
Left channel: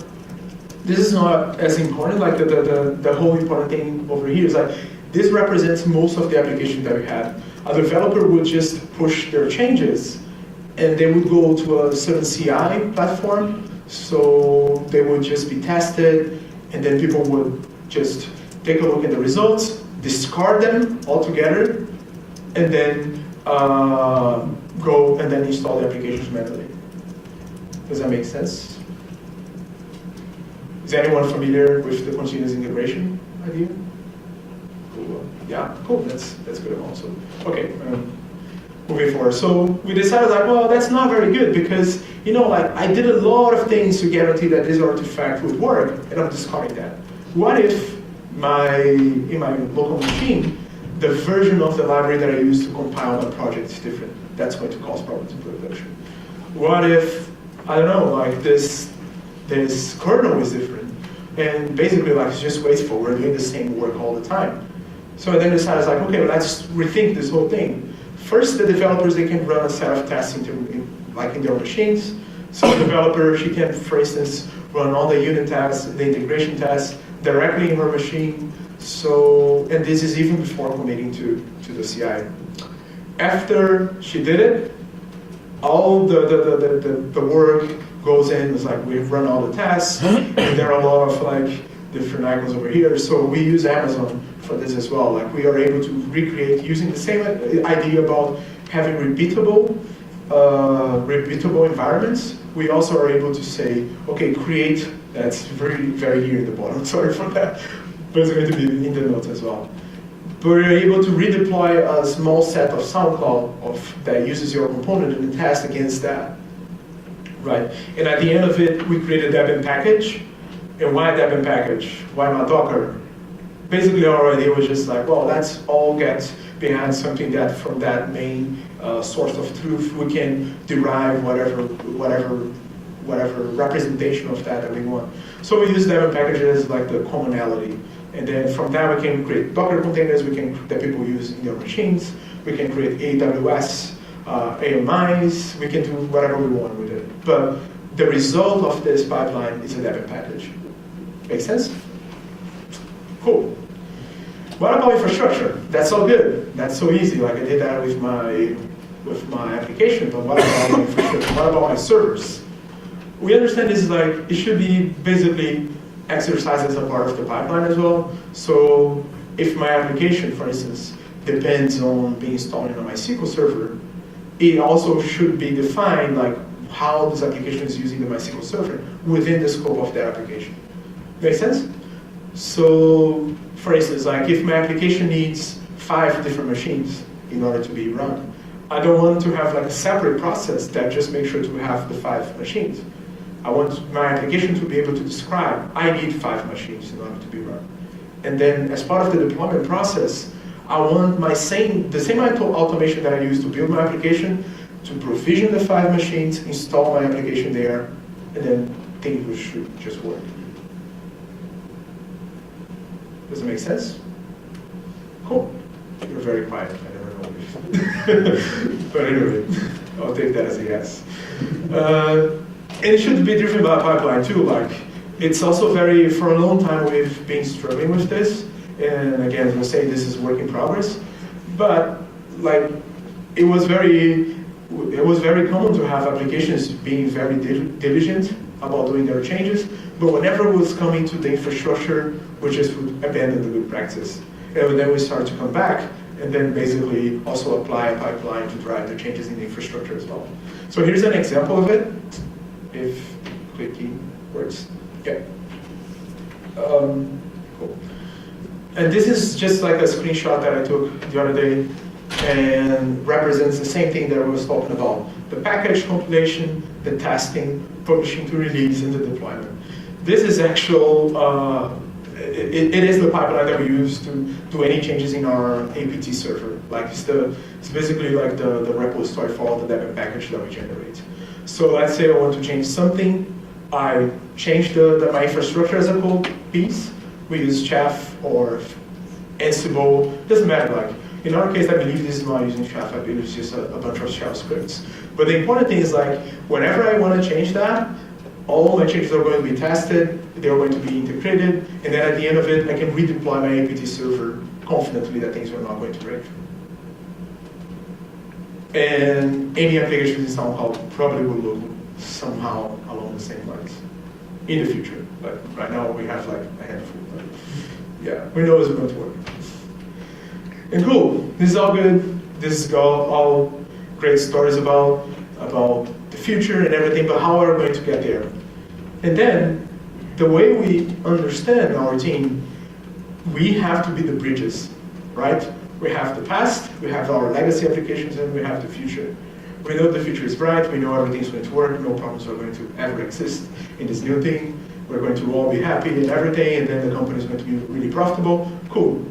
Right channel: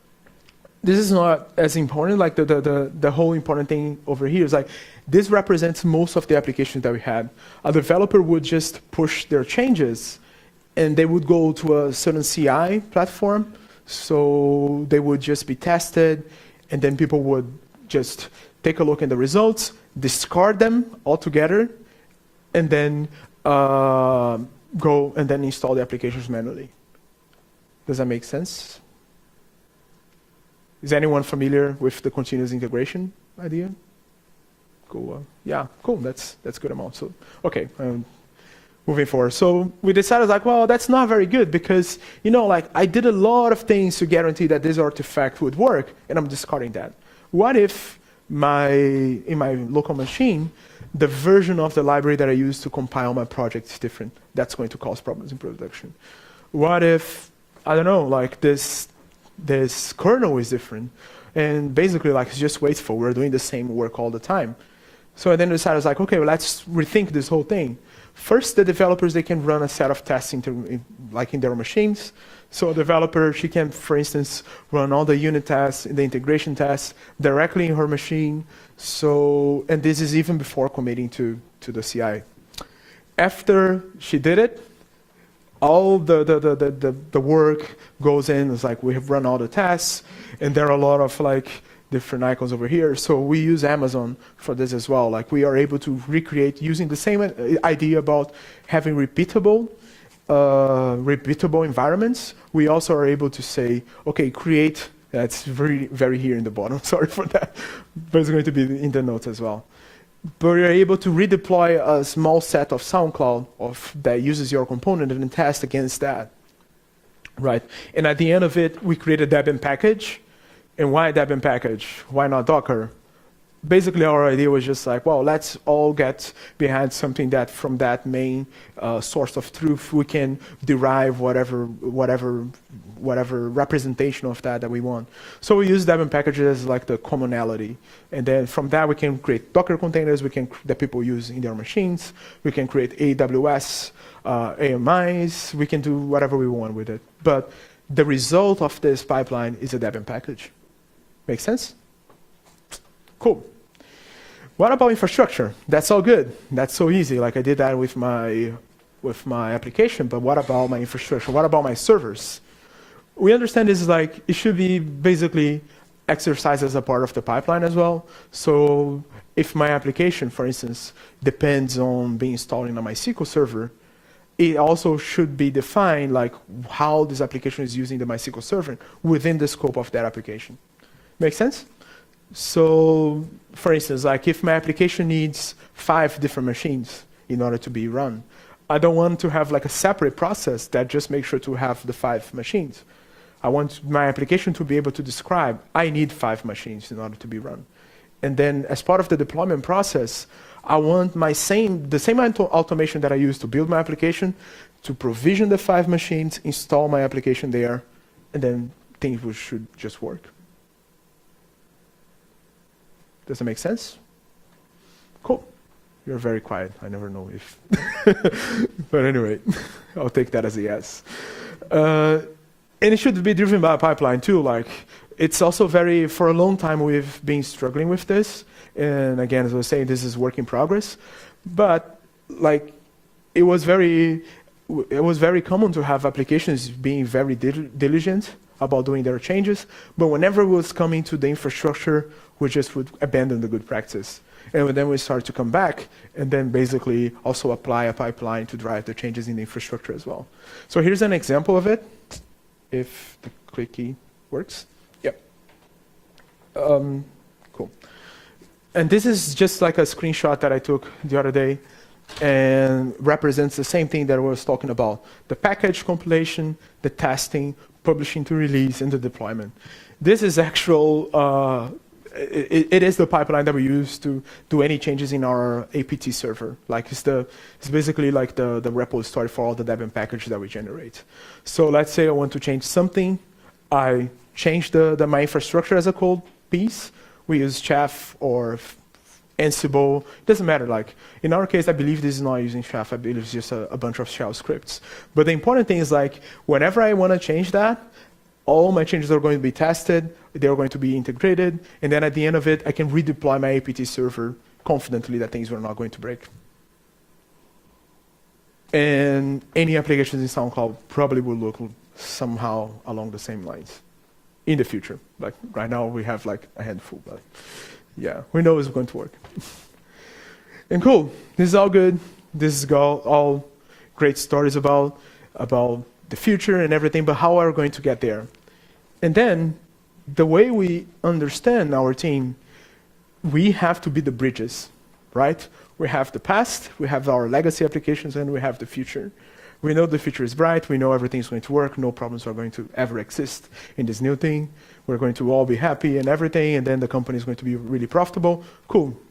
this is not as important, like the whole important thing over here is like, this represents most of the applications that we had. A developer would just push their changes, and they would go to a certain CI platform, so they would just be tested, and then people would just take a look at the results, discard them altogether, and then go and then install the applications manually. Does that make sense? Is anyone familiar with the continuous integration idea? Cool. Yeah, cool. That's good amount. So, okay. Moving forward. So we decided like, well, that's not very good because, you know, like I did a lot of things to guarantee that this artifact would work, and I'm discarding that. What if in my local machine, the version of the library that I use to compile my project is different? That's going to cause problems in production. What if, I don't know, like this kernel is different, and basically like it's just wasteful. We're doing the same work all the time. So I then decided like, okay, well, let's rethink this whole thing. First, the developers, they can run a set of tests in their machines. So the developer, she can, for instance, run all the unit tests, the integration tests directly in her machine. So, and this is even before committing to the CI. After she did it, all the work goes in, it's like we've run all the tests, and there are a lot of like different icons over here. So we use Amazon for this as well. Like we are able to recreate using the same idea about having repeatable environments. We also are able to say, okay, create, that's very here in the bottom, sorry for that, but it's going to be in the notes as well. But we're able to redeploy a small set of SoundCloud that uses your component and test against that, right? And at the end of it, we create a Debian package. And why a Debian package? Why not Docker? Basically, our idea was just like, well, let's all get behind something that from that main source of truth, we can derive whatever representation of that we want. So we use Debian packages like the commonality. And then from that, we can create Docker containers that people use in their machines. We can create AWS, AMIs. We can do whatever we want with it. But the result of this pipeline is a Debian package. Make sense? Cool. What about infrastructure? That's all good. That's so easy. Like I did that with my application. But what about my infrastructure? What about my servers? We understand this is like it should be basically exercised as a part of the pipeline as well. So if my application, for instance, depends on being installed in a MySQL server, it also should be defined like how this application is using the MySQL server within the scope of that application. Make sense? So, for instance, like if my application needs 5 different machines in order to be run, I don't want to have like a separate process that just makes sure to have the 5 machines. I want my application to be able to describe, I need 5 machines in order to be run. And then as part of the deployment process, I want the same automation that I use to build my application to provision the 5 machines, install my application there, and then things should just work. Does that make sense? Cool. You're very quiet. I never know if. But anyway, I'll take that as a yes. And it should be driven by a pipeline too. Like it's also for a long time we've been struggling with this. And again, as I was saying, this is work in progress. But like it was very common to have applications being very diligent about doing their changes, but whenever it was coming to the infrastructure, we just would abandon the good practice. And then we started to come back and then basically also apply a pipeline to drive the changes in the infrastructure as well. So here's an example of it, if quick key works. Yeah. Cool. And this is just like a screenshot that I took the other day and represents the same thing that I was talking about. The package compilation, the testing, publishing to release, and the deployment. This is actual, it is the pipeline that we use to do any changes in our APT server. Like it's basically like the repository for all the Debian package that we generate. So let's say I want to change something. I change my infrastructure as a code piece. We use Chef or Ansible, doesn't matter. Like in our case, I believe this is not using Chef. I believe it's just a bunch of shell scripts. But the important thing is like whenever I want to change that, all my changes are going to be tested, they're going to be integrated, and then at the end of it, I can redeploy my APT server confidently that things are not going to break. And any applications in SoundCloud probably will look somehow along the same lines in the future. Like right now, we have like a handful. But yeah, we know it's going to work. And cool, this is all good. This is all great stories about the future and everything, but how are we going to get there? And then, the way we understand our team, we have to be the bridges, right? We have the past, we have our legacy applications, and we have the future. We know the future is bright, we know everything's going to work, no problems are going to ever exist in this new thing. We're going to all be happy and everything, and then the company is going to be really profitable. Cool.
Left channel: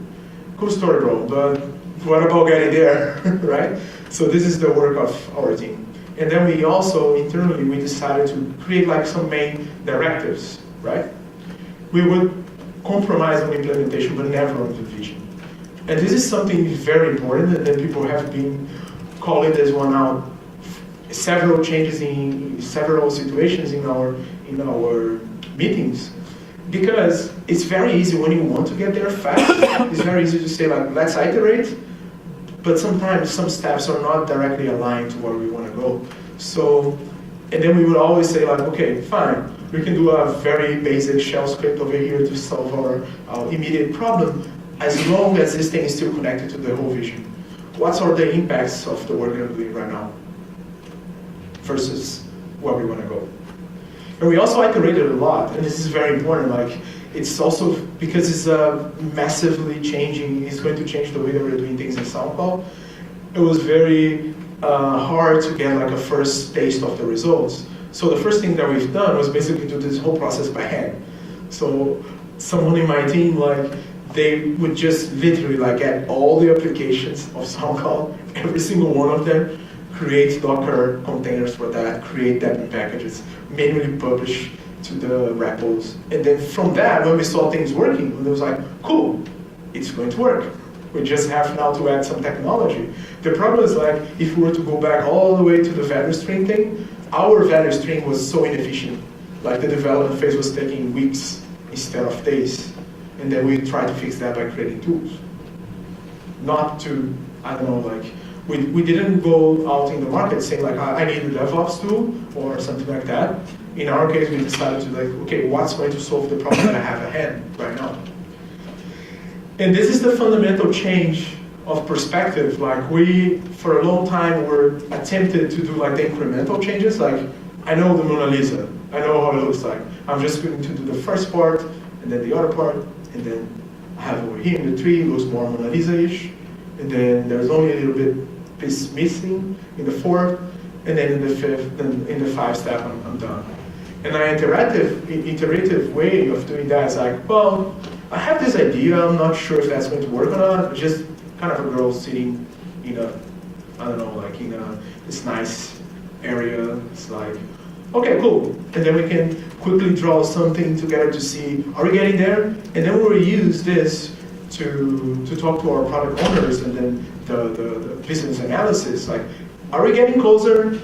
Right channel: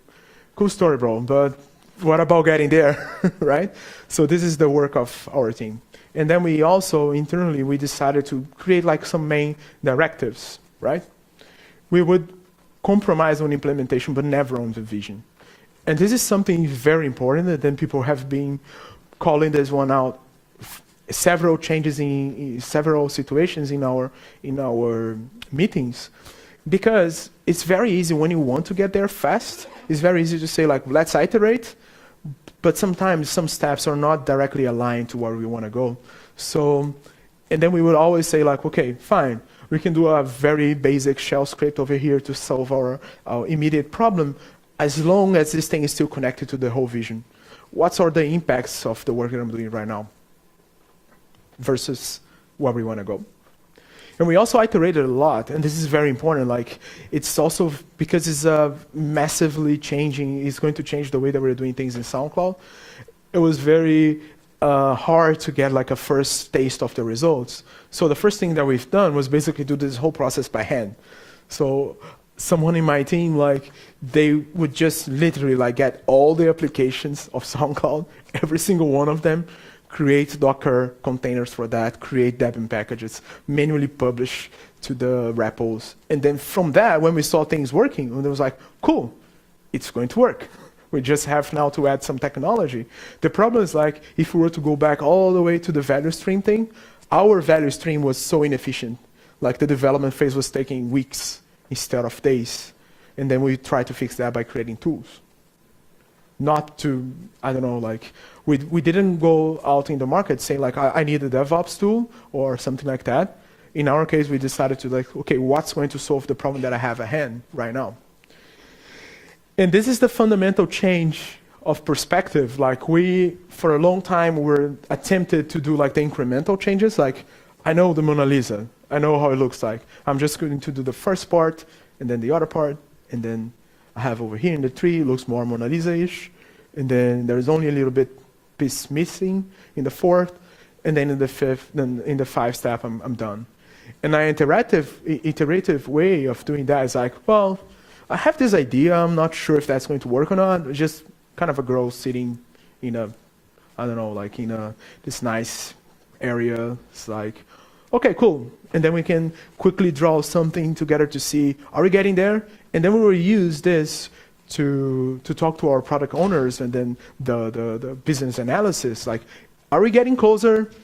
Cool story, bro, but what about getting there, right? So this is the work of our team. And then we also, internally, we decided to create like some main directives, right? We would compromise on implementation, but never on the vision. And this is something very important that people have been calling this one out. Several changes in several situations in our meetings. Because it's very easy when you want to get there fast, it's very easy to say like, let's iterate, but sometimes some steps are not directly aligned to where we want to go. So And then we would always say like, okay, fine, we can do a very basic shell script over here to solve our immediate problem, as long as this thing is still connected to the whole vision. What are the impacts of the work that I'm doing right now versus where we want to go? And we also iterated a lot, and this is very important. Like, it's also because it's massively changing. It's going to change the way that we're doing things in SoundCloud. It was very hard to get like a first taste of the results. So the first thing that we've done was basically do this whole process by hand. So someone in my team, like, they would just literally like get all the applications of SoundCloud, every single one of them, create Docker containers for that, create Debian packages, manually publish to the repos. And then from that, when we saw things working, it was like, cool, it's going to work. We just have now to add some technology. The problem is like, if we were to go back all the way to the value stream thing, our value stream was so inefficient. Like the development phase was taking weeks instead of days. And then we tried to fix that by creating tools. Not to, I don't know, like, we didn't go out in the market saying like, I need a DevOps tool or something like that. In our case, we decided to like, okay, what's going to solve the problem that I have at hand right now? And this is the fundamental change of perspective. Like we, for a long time, were attempted to do like the incremental changes. Like, I know the Mona Lisa. I know how it looks like. I'm just going to do the first part, and then the other part, and then I have over here in the tree, looks more Mona Lisa-ish. And then there's only a little bit piece missing in the fourth, and then in the fifth, then in the five step, I'm done. And an iterative way of doing that is like, well, I have this idea, I'm not sure if that's going to work or not. It's just kind of a girl sitting in a, I don't know, like in this nice area. It's like, okay, cool. And then we can quickly draw something together to see, are we getting there? And then we'll use this to talk to our product owners and then the business analysis. Like, are we getting closer?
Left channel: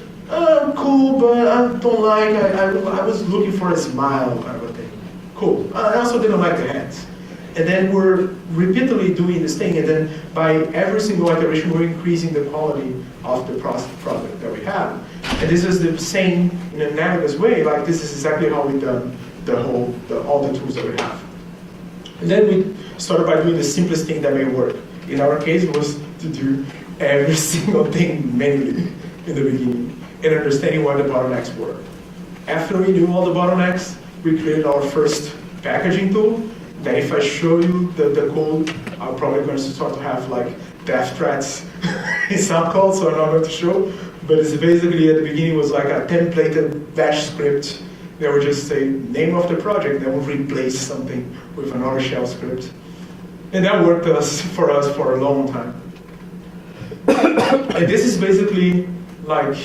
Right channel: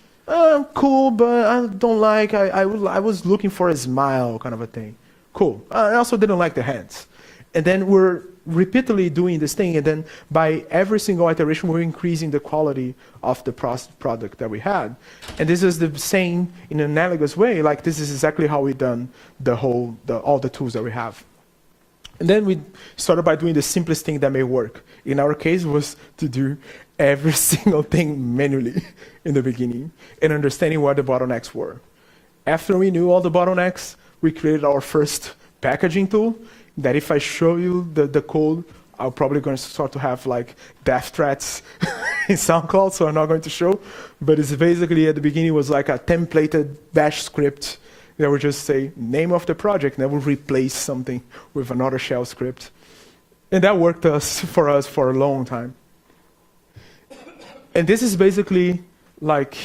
Cool, but I don't like, I was looking for a smile kind of a thing. Cool. I also didn't like the hands. And then we're repeatedly doing this thing, and then by every single iteration, we're increasing the quality of the product that we have. And this is the same in an analogous way. Like, this is exactly how we've done all the tools that we have. And then we started by doing the simplest thing that may work. In our case, was to do every single thing manually in the beginning and understanding what the bottlenecks were. After we knew all the bottlenecks, we created our first packaging tool. That if I show you the code, I'm probably going to start to have like death threats in SoundCloud, so I'm not going to show. But it's basically at the beginning it was like a templated bash script that would just say name of the project, that would replace something with another shell script. And that worked for us for a long time. And this is basically like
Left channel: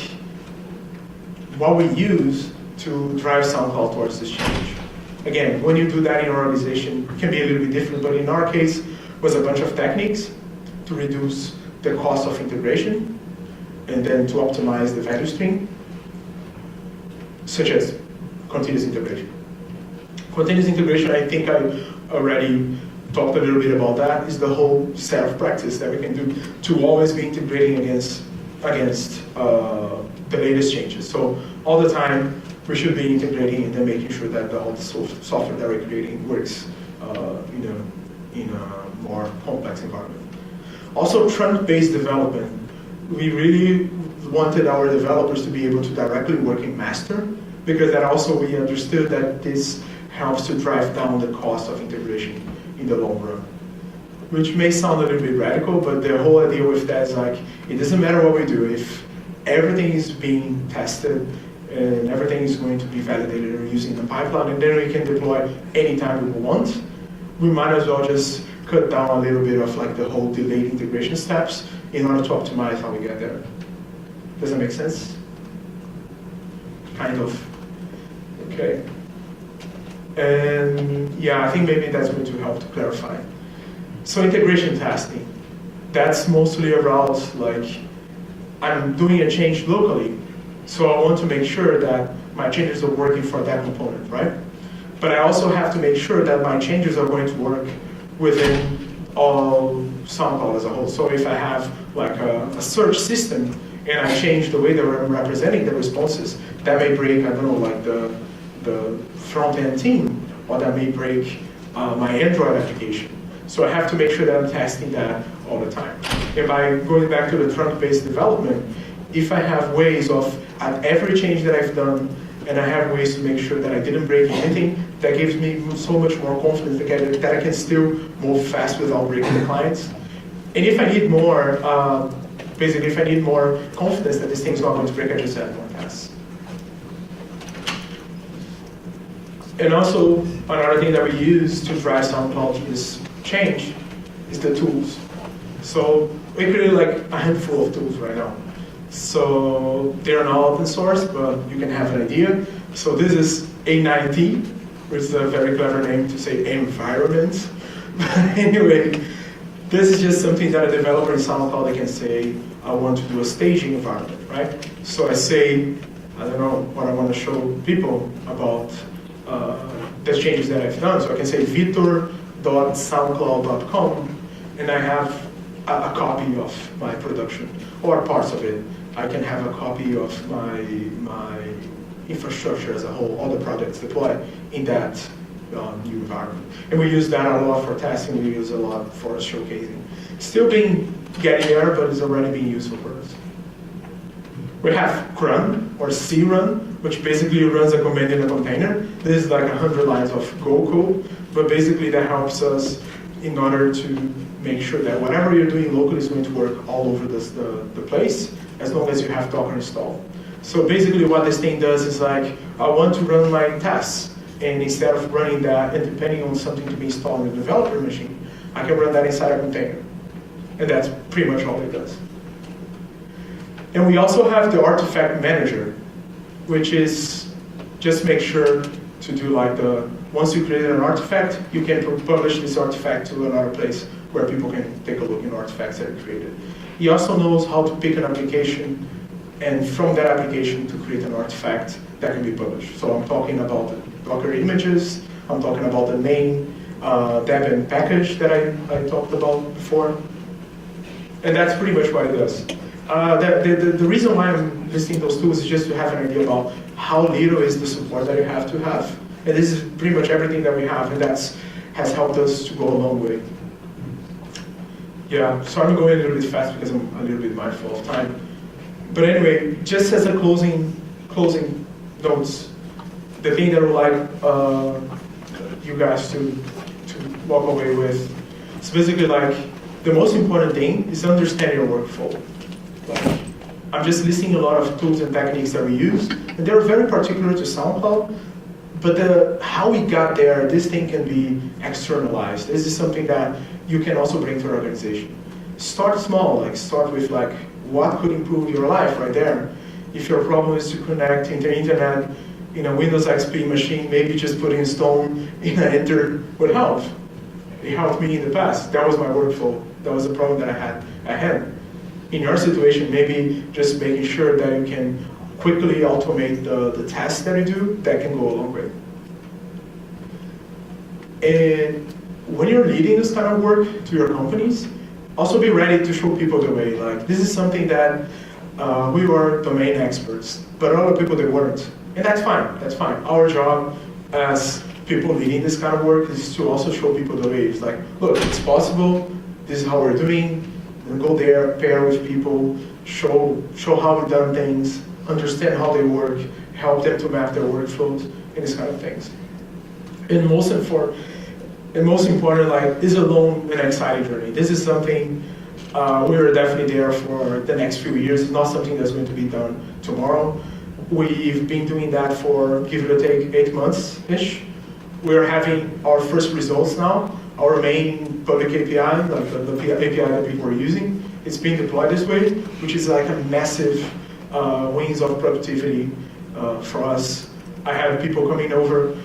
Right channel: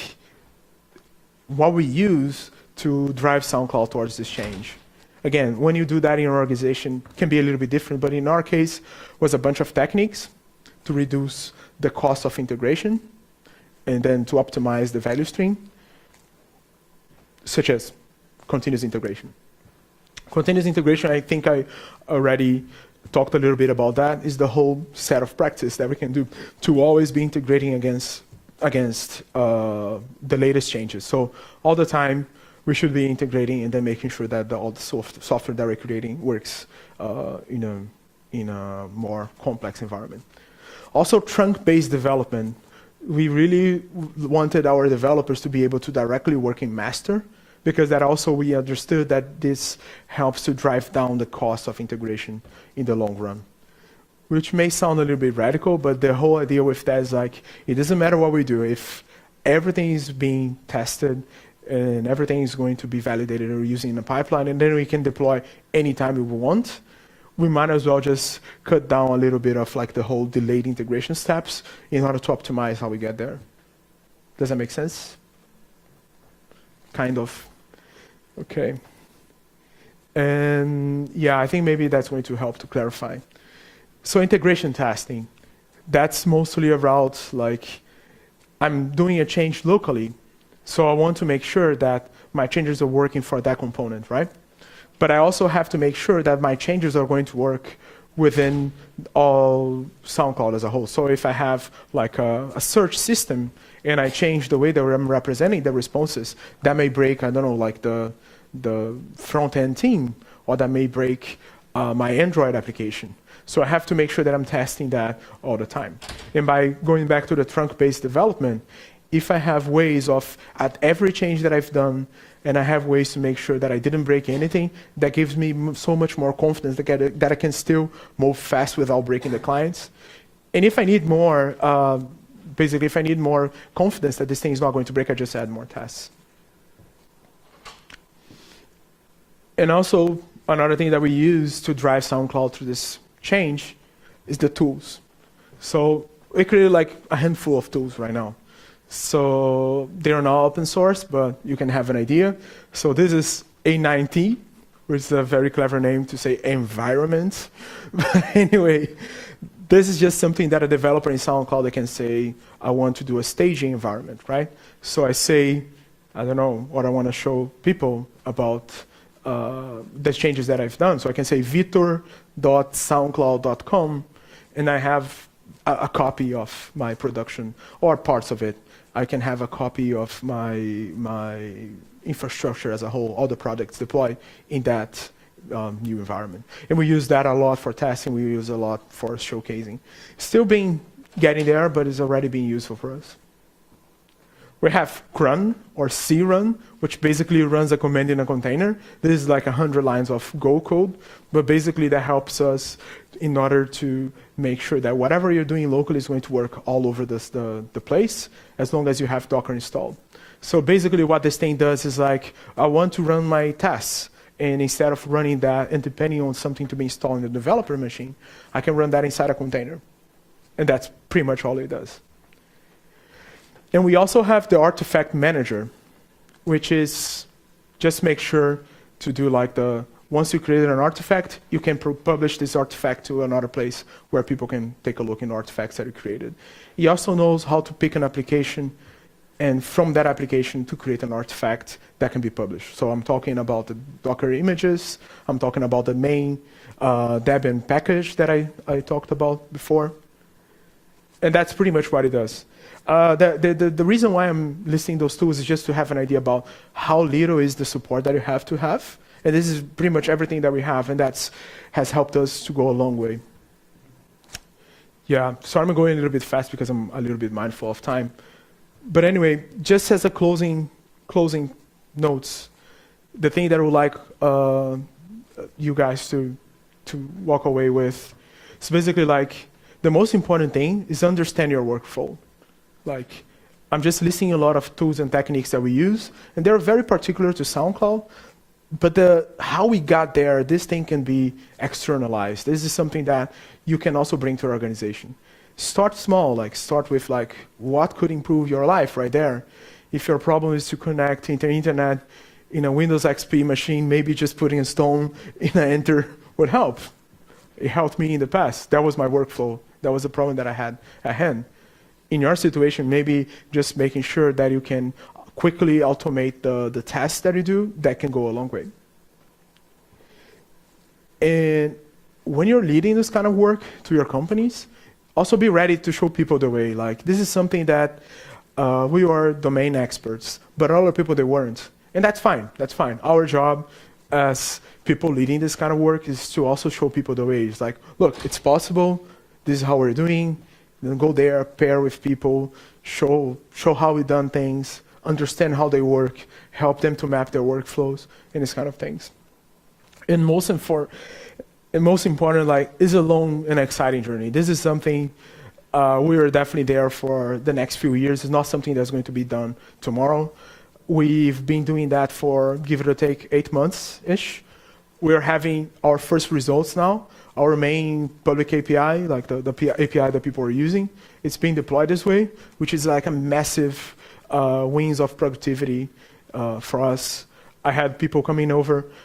what we use to drive SoundCloud towards this change. Again, when you do that in your organization, it can be a little bit different, but in our case, was a bunch of techniques to reduce the cost of integration and then to optimize the value stream, such as continuous integration. Continuous integration, I think I already talked a little bit about that, is the whole set of practice that we can do to always be integrating against the latest changes. So all the time, we should be integrating and then making sure that all the software that we're creating works in a more complex environment. Also, trunk-based development. We really wanted our developers to be able to directly work in master, because that also we understood that this helps to drive down the cost of integration in the long run. Which may sound a little bit radical, but the whole idea with that is like, it doesn't matter what we do, if everything is being tested and everything is going to be validated or using the pipeline, and then we can deploy anytime we want, we might as well just cut down a little bit of like the whole delayed integration steps in order to optimize how we get there. Does that make sense? Kind of. Okay. And yeah, I think maybe that's going to help to clarify. So integration testing, that's mostly around like, I'm doing a change locally, so I want to make sure that my changes are working for that component, right? But I also have to make sure that my changes are going to work within all SoundCloud as a whole. So if I have like a search system and I change the way that I'm representing the responses, that may break, I don't know, like the front-end team, or that may break my Android application. So I have to make sure that I'm testing that all the time. And by going back to the trunk-based development, if I have ways of, at every change that I've done, and I have ways to make sure that I didn't break anything, that gives me so much more confidence that I can still move fast without breaking the clients. And if I need more, basically if I need more confidence that this thing's not going to break, I just add more tests. And also, another thing that we use to drive SoundCloud to this change is the tools. So we created like a handful of tools right now. So they're not open source, but you can have an idea. So this is A9T, which is a very clever name to say environment. But anyway, this is just something that a developer in SoundCloud can say, I want to do a staging environment, right? So I say, I don't know what I want to show people about the changes that I've done. So I can say vitor.soundcloud.com, and I have a copy of my production, or parts of it. I can have a copy of my infrastructure as a whole, all the projects deployed in that new environment. And we use that a lot for testing, we use a lot for showcasing. Still getting there, but it's already being useful for us. We have run, or crun, which basically runs a command in a container. This is like 100 lines of Go code, but basically that helps us in order to make sure that whatever you're doing locally is going to work all over the place, as long as you have Docker installed. So basically what this thing does is like, I want to run my tests, and instead of running that and depending on something to be installed on the developer machine, I can run that inside a container. And that's pretty much all it does. And we also have the artifact manager, which is just make sure to do like once you create an artifact, you can publish this artifact to another place where people can take a look in the artifacts that are created. He also knows how to pick an application, and from that application to create an artifact that can be published. So I'm talking about the Docker images, I'm talking about the main Debian package that I talked about before. And that's pretty much what it does. The reason why I'm listing those tools is just to have an idea about how little is the support that you have to have. And this is pretty much everything that we have, and that has helped us to go a long way. Yeah, so I'm going a little bit fast because I'm a little bit mindful of time. But anyway, just as a closing notes, the thing that I would like you guys to walk away with, it's basically like, the most important thing is understand your workflow. Like, I'm just listing a lot of tools and techniques that we use, and they're very particular to SoundCloud, but how we got there, this thing can be externalized. This is something that you can also bring to your organization. Start small, like start with like, what could improve your life right there? If your problem is to connect to the internet in a Windows XP machine, maybe just putting a stone in an enter would help. It helped me in the past. That was my workflow. That was the problem that I had. In your situation, maybe just making sure that you can quickly automate the tasks that you do, that can go a long way. And when you're leading this kind of work to your companies, also be ready to show people the way. Like, this is something that we were domain experts, but other people, they weren't. And that's fine, that's fine. Our job as people leading this kind of work is to also show people the way. It's like, look, it's possible, this is how we're doing, and go there, pair with people, show how we've done things, understand how they work, help them to map their workflows, and this kind of things. And most important, like, it's a long and exciting journey. This is something we are definitely there for the next few years. It's not something that's going to be done tomorrow. We've been doing that for, give it or take, 8 months-ish. We're having our first results now. Our main public API, like the API that people are using, it's being deployed this way, which is like a massive wins of productivity for us. I have people coming over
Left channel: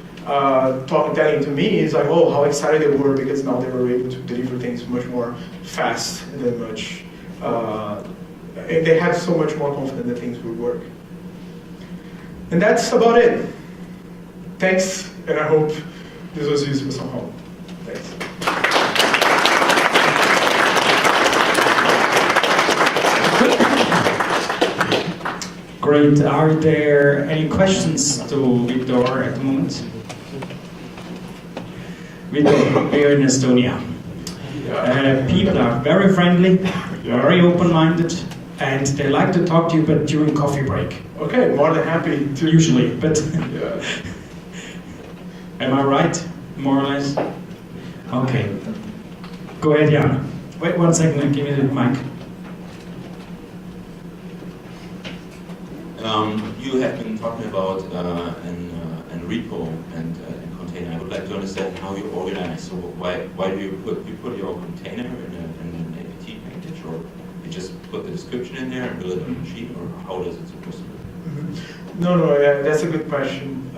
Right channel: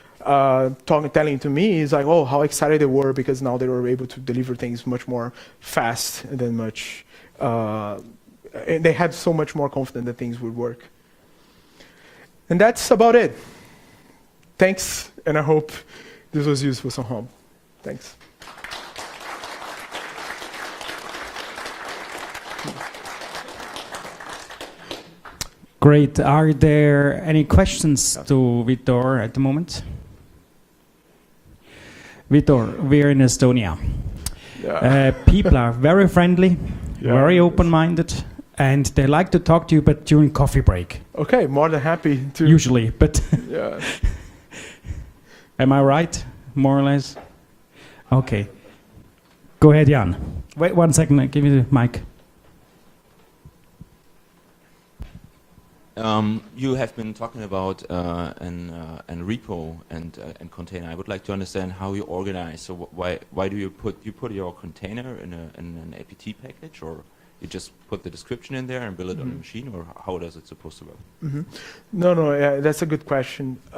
telling to me, it's like, oh, how excited they were because now they were able to deliver things much more fast and much, and they had so much more confidence that things would work. And that's about it. Thanks, and I hope this was useful somehow. Thanks. Great. Are there any questions to Vitor at the moment? Vitor, we are in Estonia. People are very friendly, very open-minded, and they like to talk to you, but during coffee break. Okay, more than happy to. Usually, but Yeah. Am I right, more or less? Okay. Go ahead, Jan. Wait 1 second, I'll give you the mic. You have been talking about an repo and container. I would like to understand how you organize. So why do you put your container in an apt package, or you just put the description in there and build it on a machine, or how does it supposed to work? Mm-hmm. No, that's a good question.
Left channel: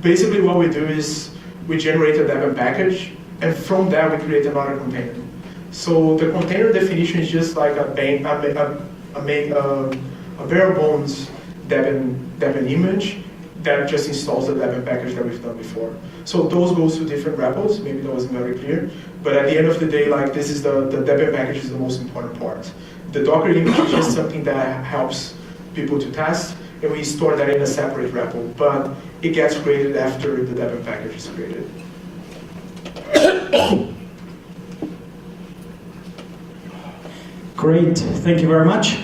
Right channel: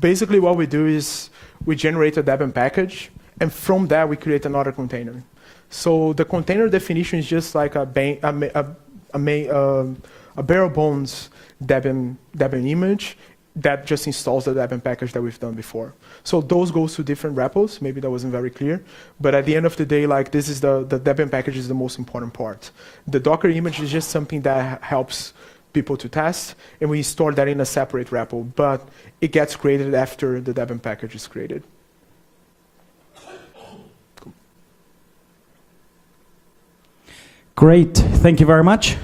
Basically, what we do is we generate a Debian package, and from that we create another container. So the container definition is just like a bare bones Debian image that just installs the Debian package that we've done before. So those goes to different repos. Maybe that wasn't very clear, but at the end of the day, like this is the Debian package is the most important part. The Docker image is just something that helps people to test, and we store that in a separate repo, but it gets created after the Debian package is created. Great, thank you very much.